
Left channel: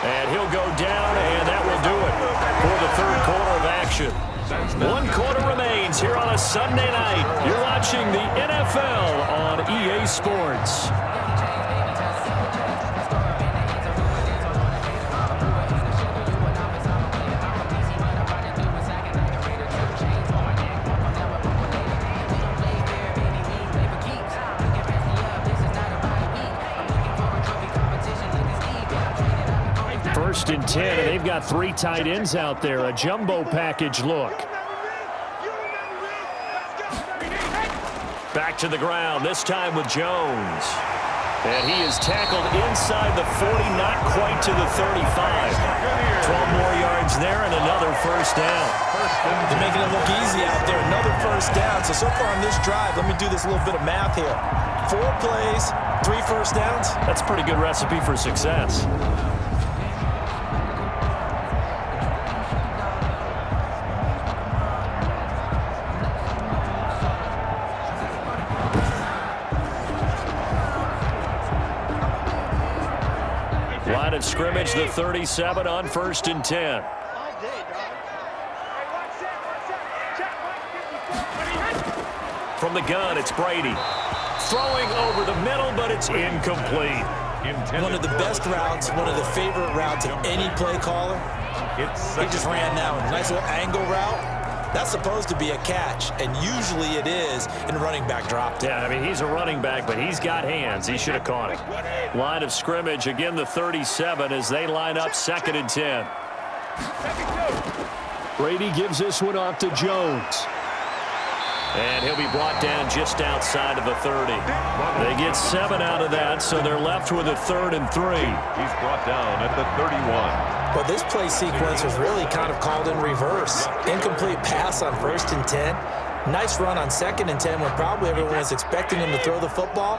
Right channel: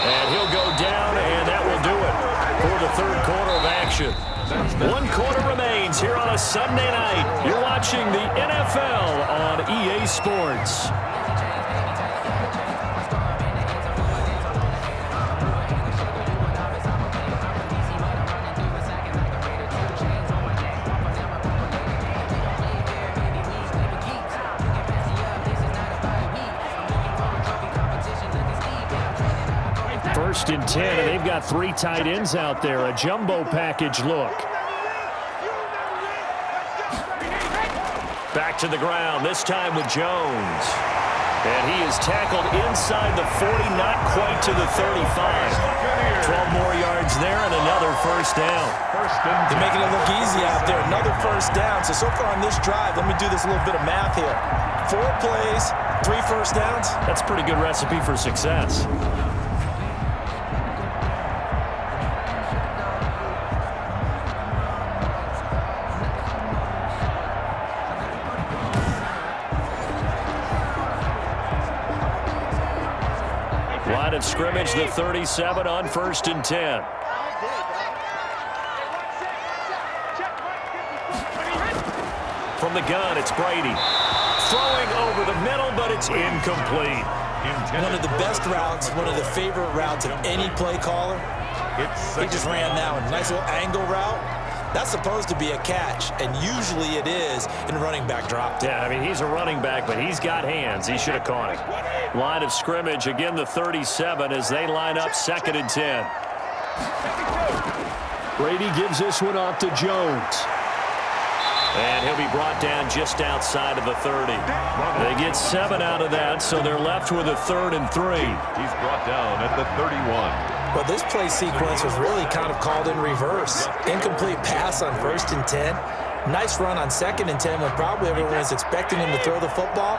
And he'll go down, and that will do it for the 3rd quarter of action. 1 quarter remains here on a Sunday night. You're watching the NFL on EA Sports. First and 10, and they've got 3 tight ends out there. A jumbo package look. Back to the ground, this time with Jones. And he is tackled inside the 40, not quite to the 35. 12 more yards there and another first down. They're making it look easy out there. Another first down. So far on this drive, let me do this little bit of math here. 4 plays, 3 first downs. That's a pretty good recipe for success. Line of scrimmage, the 37 on 1st and 10. From the gun, it's Brady. Throwing over the middle, but it's incomplete. One of the best routes, one of the favorite routes of any play caller. He just ran that one. Nice little angle route. That's supposed to be a catch, and usually it is, and the running back dropped it. Yeah, I mean, he's a running back, but he's got hands. He should have caught it. Line of scrimmage, again, the 37 as they line up 2nd and 10. Brady gives this one off to Jones. And he'll be brought down just outside of the 30. They get 7 out of that, so they're left with a 3rd and 3. He's brought down at the 31. But this play sequence was really kind of called in reverse. Incomplete pass on 1st and 10. Nice run on 2nd and 10 when probably everyone was expecting him to throw the football.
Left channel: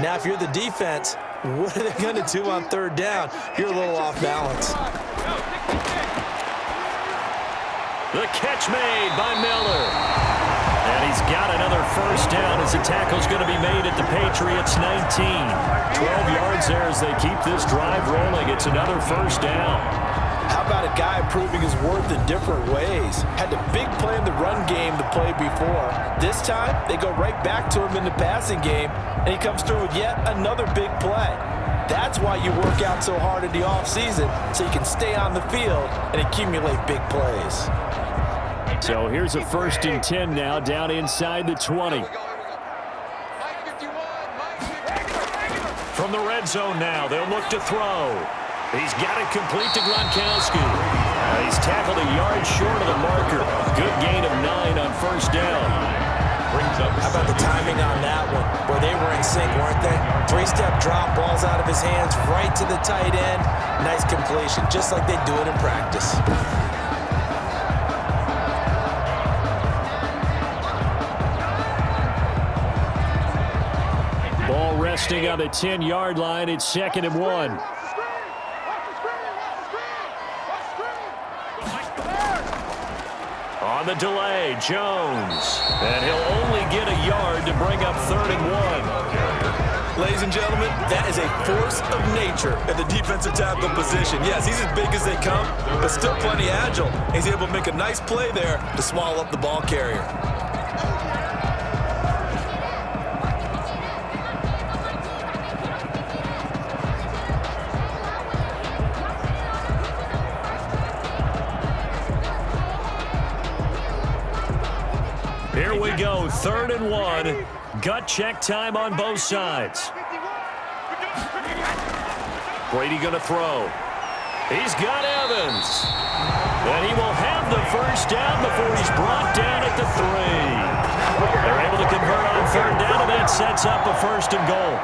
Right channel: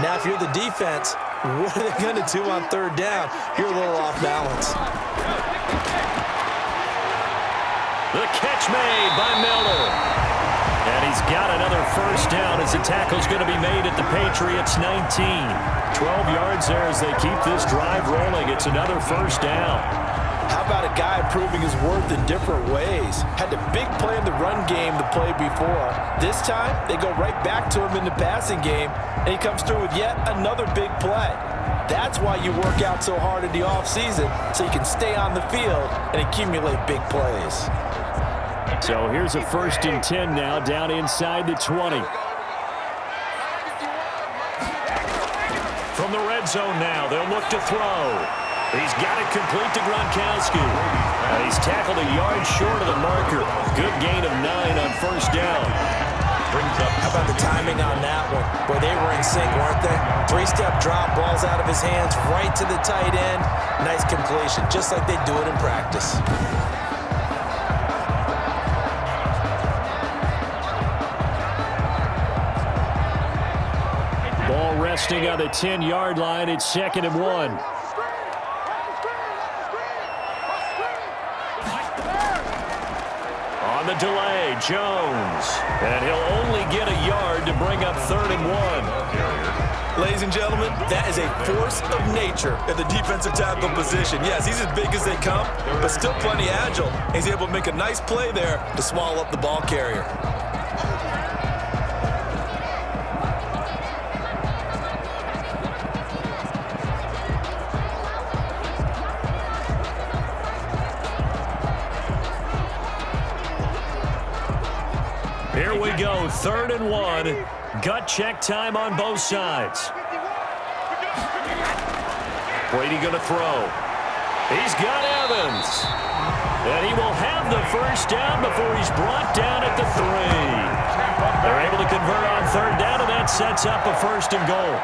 Now, if you're the defense, what are they going to do on 3rd down? You're a little off balance. The catch made by Miller. And he's got another first down as the tackle's going to be made at the Patriots' 19. 12 yards there as they keep this drive rolling. It's another first down. How about a guy proving his worth in different ways? Had the big play in the run game the play before. This time, they go right back to him in the passing game, and he comes through with yet another big play. That's why you work out so hard in the offseason, so you can stay on the field and accumulate big plays. So here's a 1st and 10 now, down inside the 20. From the red zone now, they'll look to throw. He's got it complete to Gronkowski. He's tackled a yard short of the marker. Good gain of 9 on 1st down. Brings up. How about the timing on that one? Boy, they were in sync, weren't they? 3-step drop, balls out of his hands, right to the tight end. Nice completion, just like they do it in practice. Ball resting on the 10-yard line. It's 2nd and 1. On the delay, Jones. And he'll only get a yard to bring up 3rd and 1. Ladies and gentlemen, that is a force of nature at the defensive tackle position. Yes, he's as big as they come, but still plenty agile. He's able to make a nice play there to swallow up the ball carrier. Here we go, 3rd and 1. Gut check time on both sides. Brady going to throw. He's got Evans. And he will have the first down before he's brought down at the 3. They're able to convert on 3rd down, and that sets up a 1st and goal.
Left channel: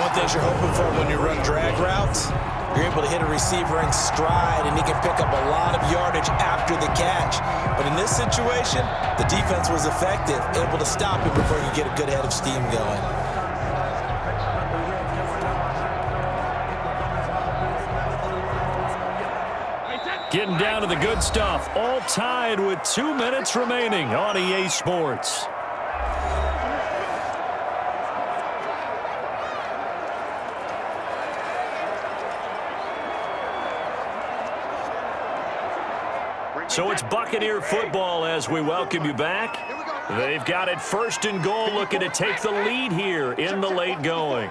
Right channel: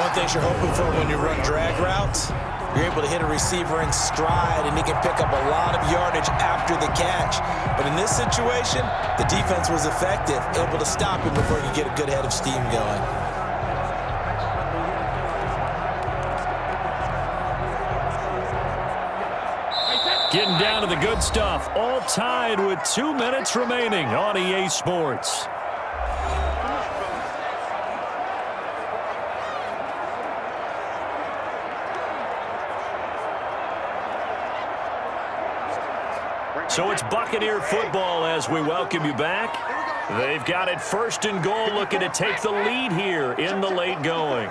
One thing you're hoping for when you run drag routes, you're able to hit a receiver in stride, and he can pick up a lot of yardage after the catch. But in this situation, the defense was effective, able to stop him before you get a good head of steam going. Getting down to the good stuff, all tied with 2 minutes remaining on EA Sports. So it's Buccaneer football as we welcome you back. They've got it 1st and goal, looking to take the lead here in the late going.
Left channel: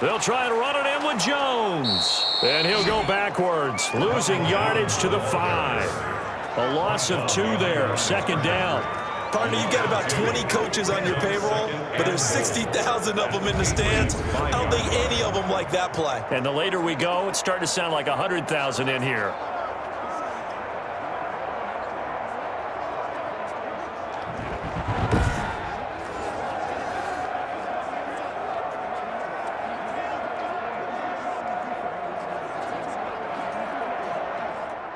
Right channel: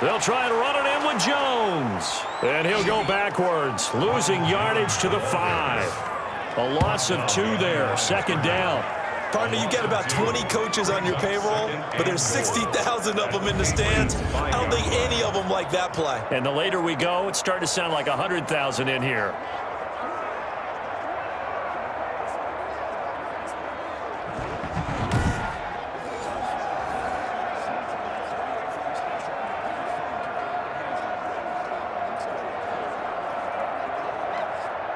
They'll try and run it in with Jones. And he'll go backwards, losing yardage to the 5. A loss of 2 there, 2nd down. Partner, you got about 20 coaches on your payroll, but there's 60,000 of them in the stands. I don't think any of them like that play. And the later we go, it's starting to sound like 100,000 in here.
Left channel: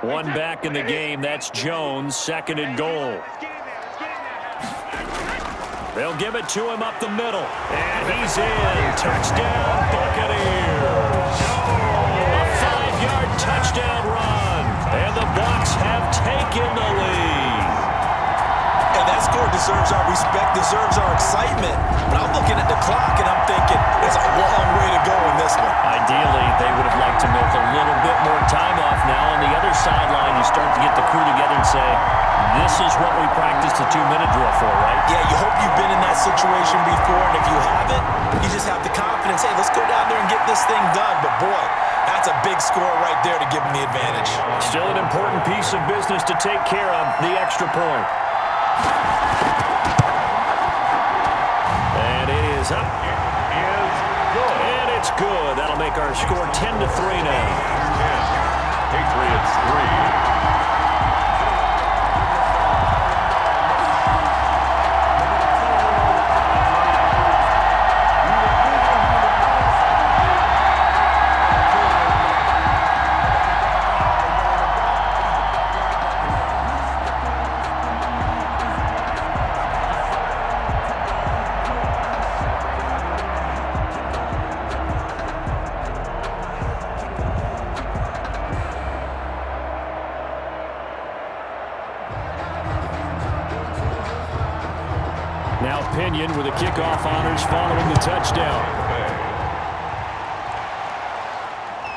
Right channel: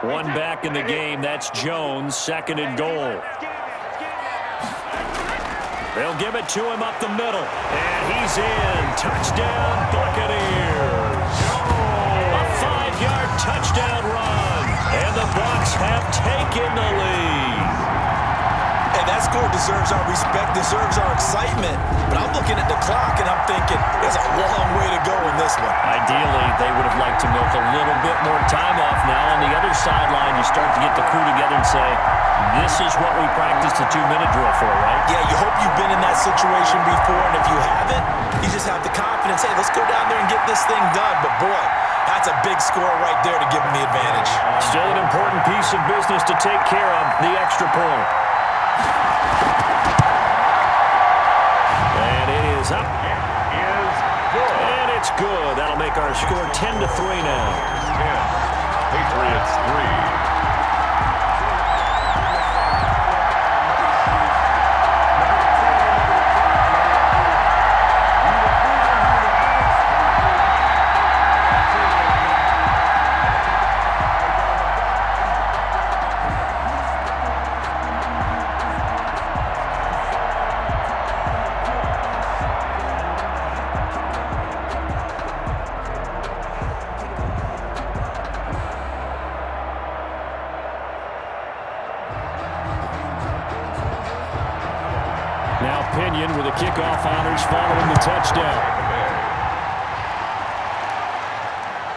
One back in the game. That's Jones, second and goal. They'll give it to him up the middle. And he's in. Touchdown, Buccaneers. A 5-yard touchdown run. And the Bucs have taken the lead. And that score deserves our respect, deserves our excitement. But I'm looking at the clock, and I'm thinking there's a long way to go in this one. Ideally, they would have liked to milk a little bit more time off. Now on the other sideline, you start to get the crew together and say, this is what we practiced the 2-minute drill for, right? Yeah, you hope you've been in that situation before, and if you haven't, you just have the confidence, hey, let's go down there and get this thing done. But, boy, that's a big score right there to give them the advantage. Still an important piece of business to take care of, the extra point. And it is up. It is good. And it's good. That'll make our score 10-3 now. 10. Patriots 3. Now Pinion with the kickoff honors following the touchdown.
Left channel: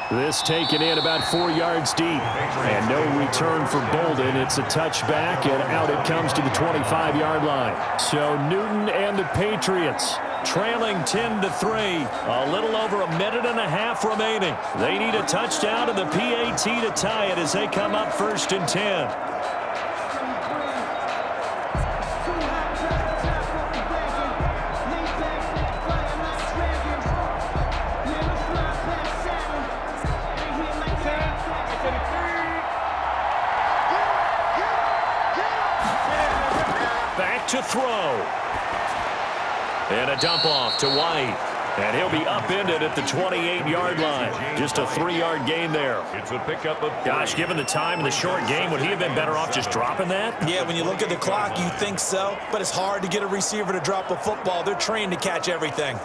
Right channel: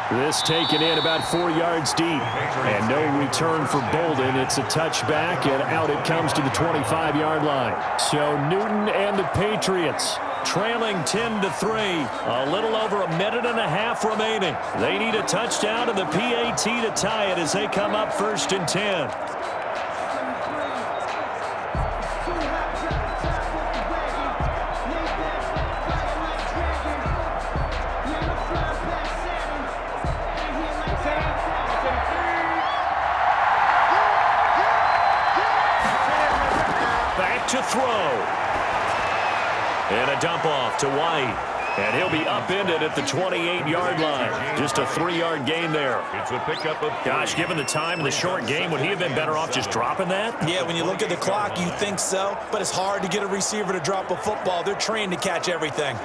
This taken in about 4 yards deep. And no return for Bolden. It's a touchback, and out it comes to the 25-yard line. So Newton and the Patriots trailing 10-3. A little over a minute and a half remaining. They need a touchdown and the PAT to tie it as they come up 1st and 10. Back to throw. And a dump off to White. And he'll be upended at the 28-yard line. Just a 3-yard gain there. It's a pickup of 3. Gosh, given the time and the short game, would he have been better off just dropping that? Yeah, when you look at the clock, you think so. But it's hard to get a receiver to drop a football. They're trained to catch everything.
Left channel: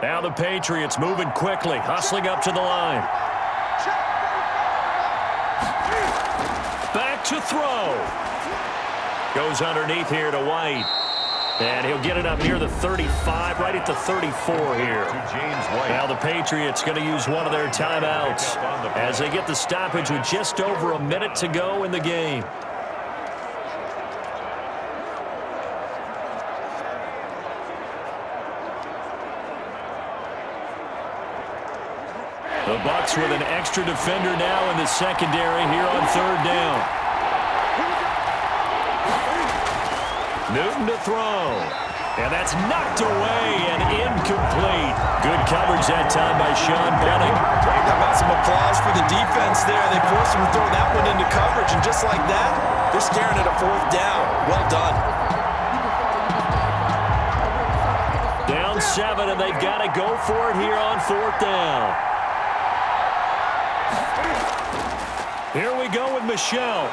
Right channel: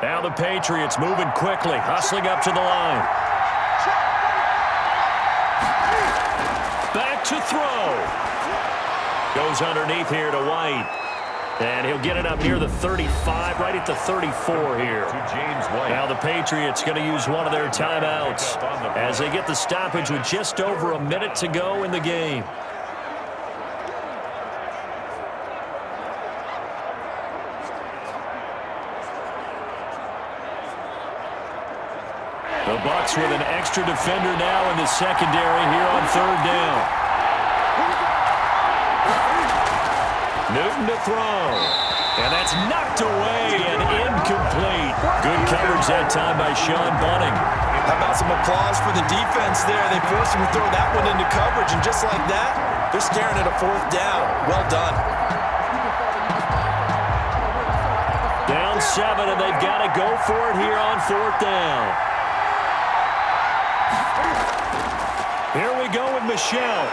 Now the Patriots moving quickly, hustling up to the line. Back to throw. Goes underneath here to White. And he'll get it up near the 35, right at the 34 here. To James White. Now the Patriots going to use one of their timeouts as they get the stoppage with just over a minute to go in the game. The Bucs with an extra defender now in the secondary here on 3rd down. Newton to throw. And that's knocked away and incomplete. Good coverage that time by Sean Bunting. How about some applause for the defense there? They forced him to throw that one into coverage, and just like that, they're staring at a 4th down. Well done. Down 7, and they've got to go for it here on 4th down. Here we go with Michel.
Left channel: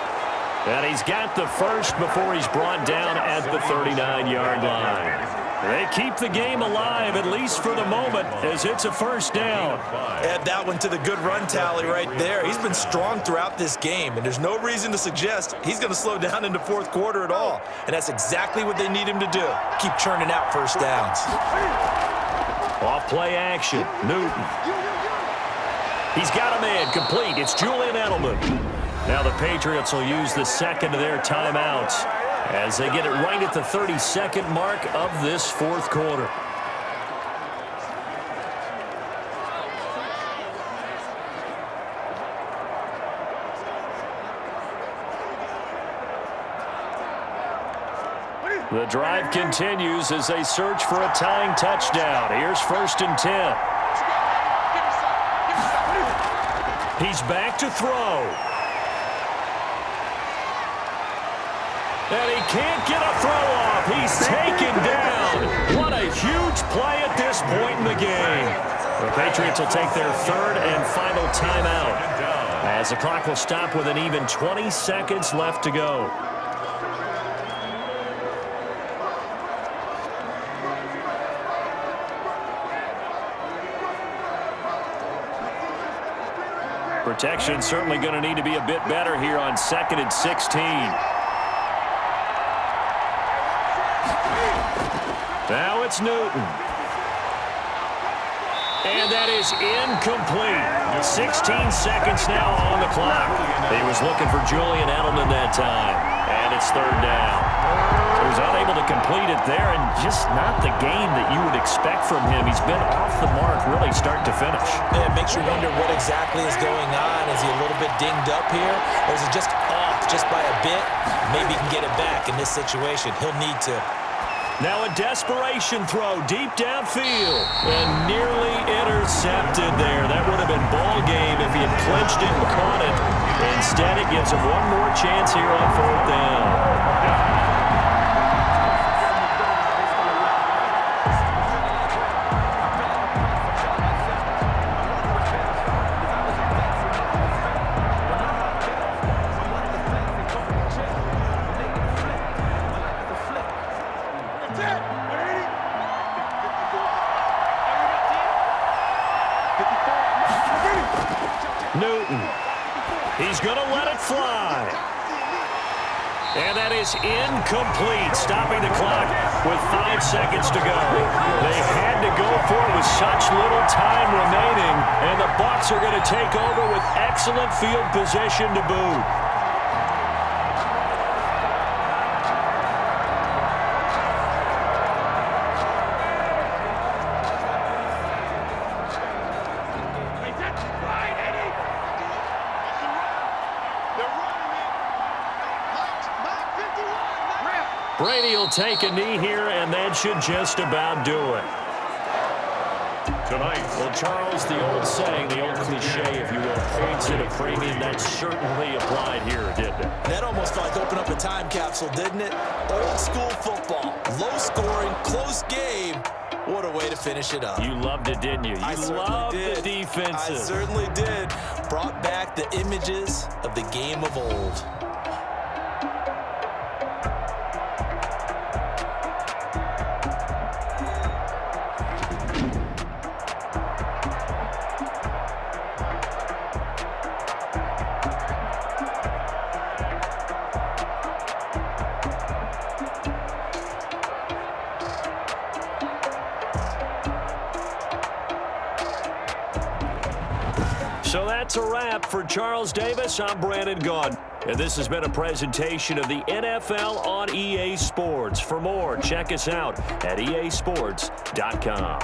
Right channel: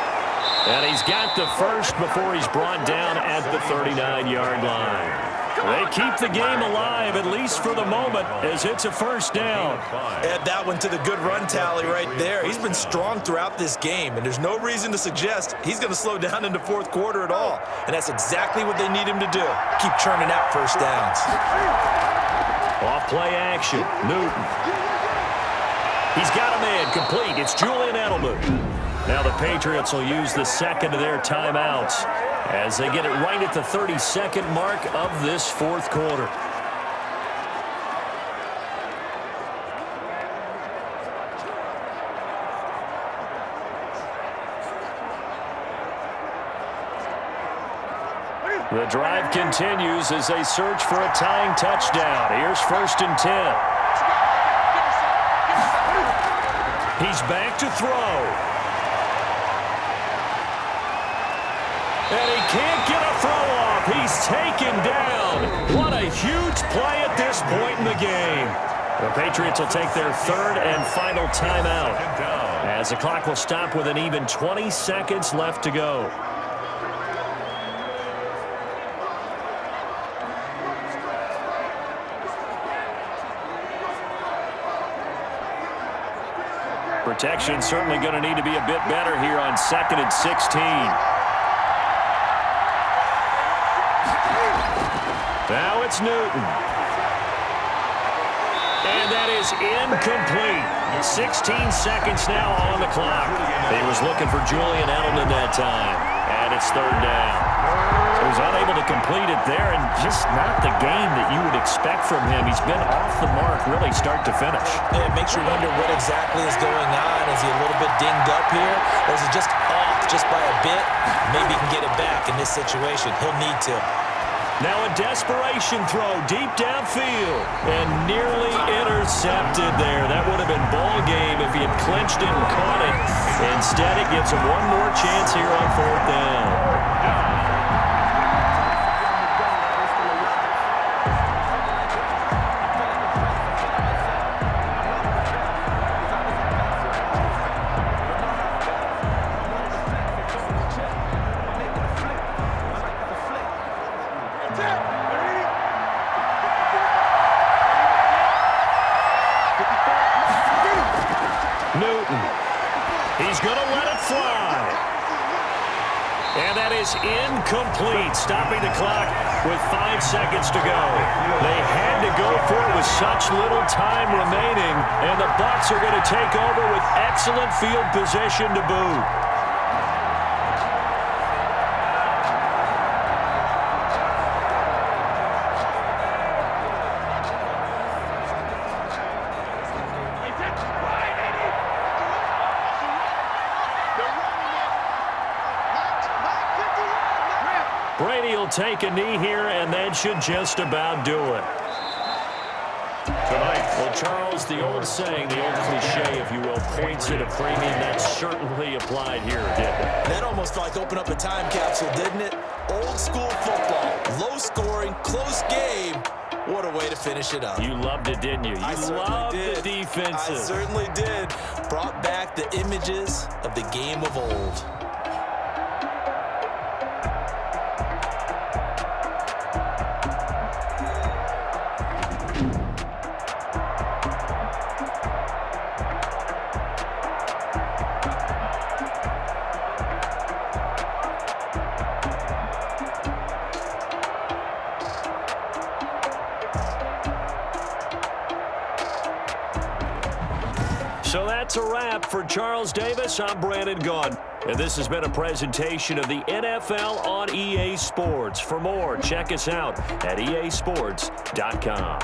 And he's got the first before he's brought down at the 39-yard line. They keep the game alive, at least for the moment, as it's a 1st down. Add that one to the good run tally right there. He's been strong throughout this game, and there's no reason to suggest he's going to slow down into 4th quarter at all. And that's exactly what they need him to do. Keep churning out 1st downs. Off play action. Newton. He's got a man complete. It's Julian Edelman. Now the Patriots will use the second of their timeouts as they get it right at the 32nd mark of this 4th quarter. The drive continues as they search for a tying touchdown. Here's 1st and 10. He's back to throw. And he can't get a throw off. He's taken down. What a huge play at this point in the game. The Patriots will take their third and final timeout as the clock will stop with an even 20 seconds left to go. Protection certainly going to need to be a bit better here on 2nd and 16. Now it's Newton. And that is incomplete. 16 seconds now on the clock. He was looking for Julian Edelman that time. And it's 3rd down. So he was unable to complete it there, and just not the game that you would expect from him. He's been off the mark really start to finish. Yeah, it makes you wonder what exactly is going on. Is he a little bit dinged up here? Or is it just off just by a bit? Maybe he can get it back in this situation. He'll need to. Now a desperation throw deep downfield and nearly intercepted there. That would have been ball game if he had clinched it and caught it. Instead, it gives him one more chance here on 4th down. Newton. He's going to let it fly. And that is incomplete, stopping the clock with 5 seconds to go. They had to go for it with such little time remaining, and the Bucs are going to take over with excellent field position to boot. Brady will take a knee here, and that should just about do it. Tonight. Well, Charles, the old saying, the old cliche, if you will, points at a premium, that certainly applied here, didn't it? That almost like opened up a time capsule, didn't it? Old school football, low scoring, close game. What a way to finish it up. You loved it, didn't you? You loved the defensive. I certainly did. Brought back the images of the game of old. So that's a wrap for Charles Davis. I'm Brandon Gaudin. And this has been a presentation of the NFL on EA Sports. For more, check us out at easports.com.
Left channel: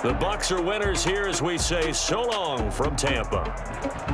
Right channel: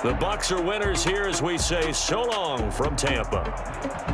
The Bucs are winners here as we say so long from Tampa.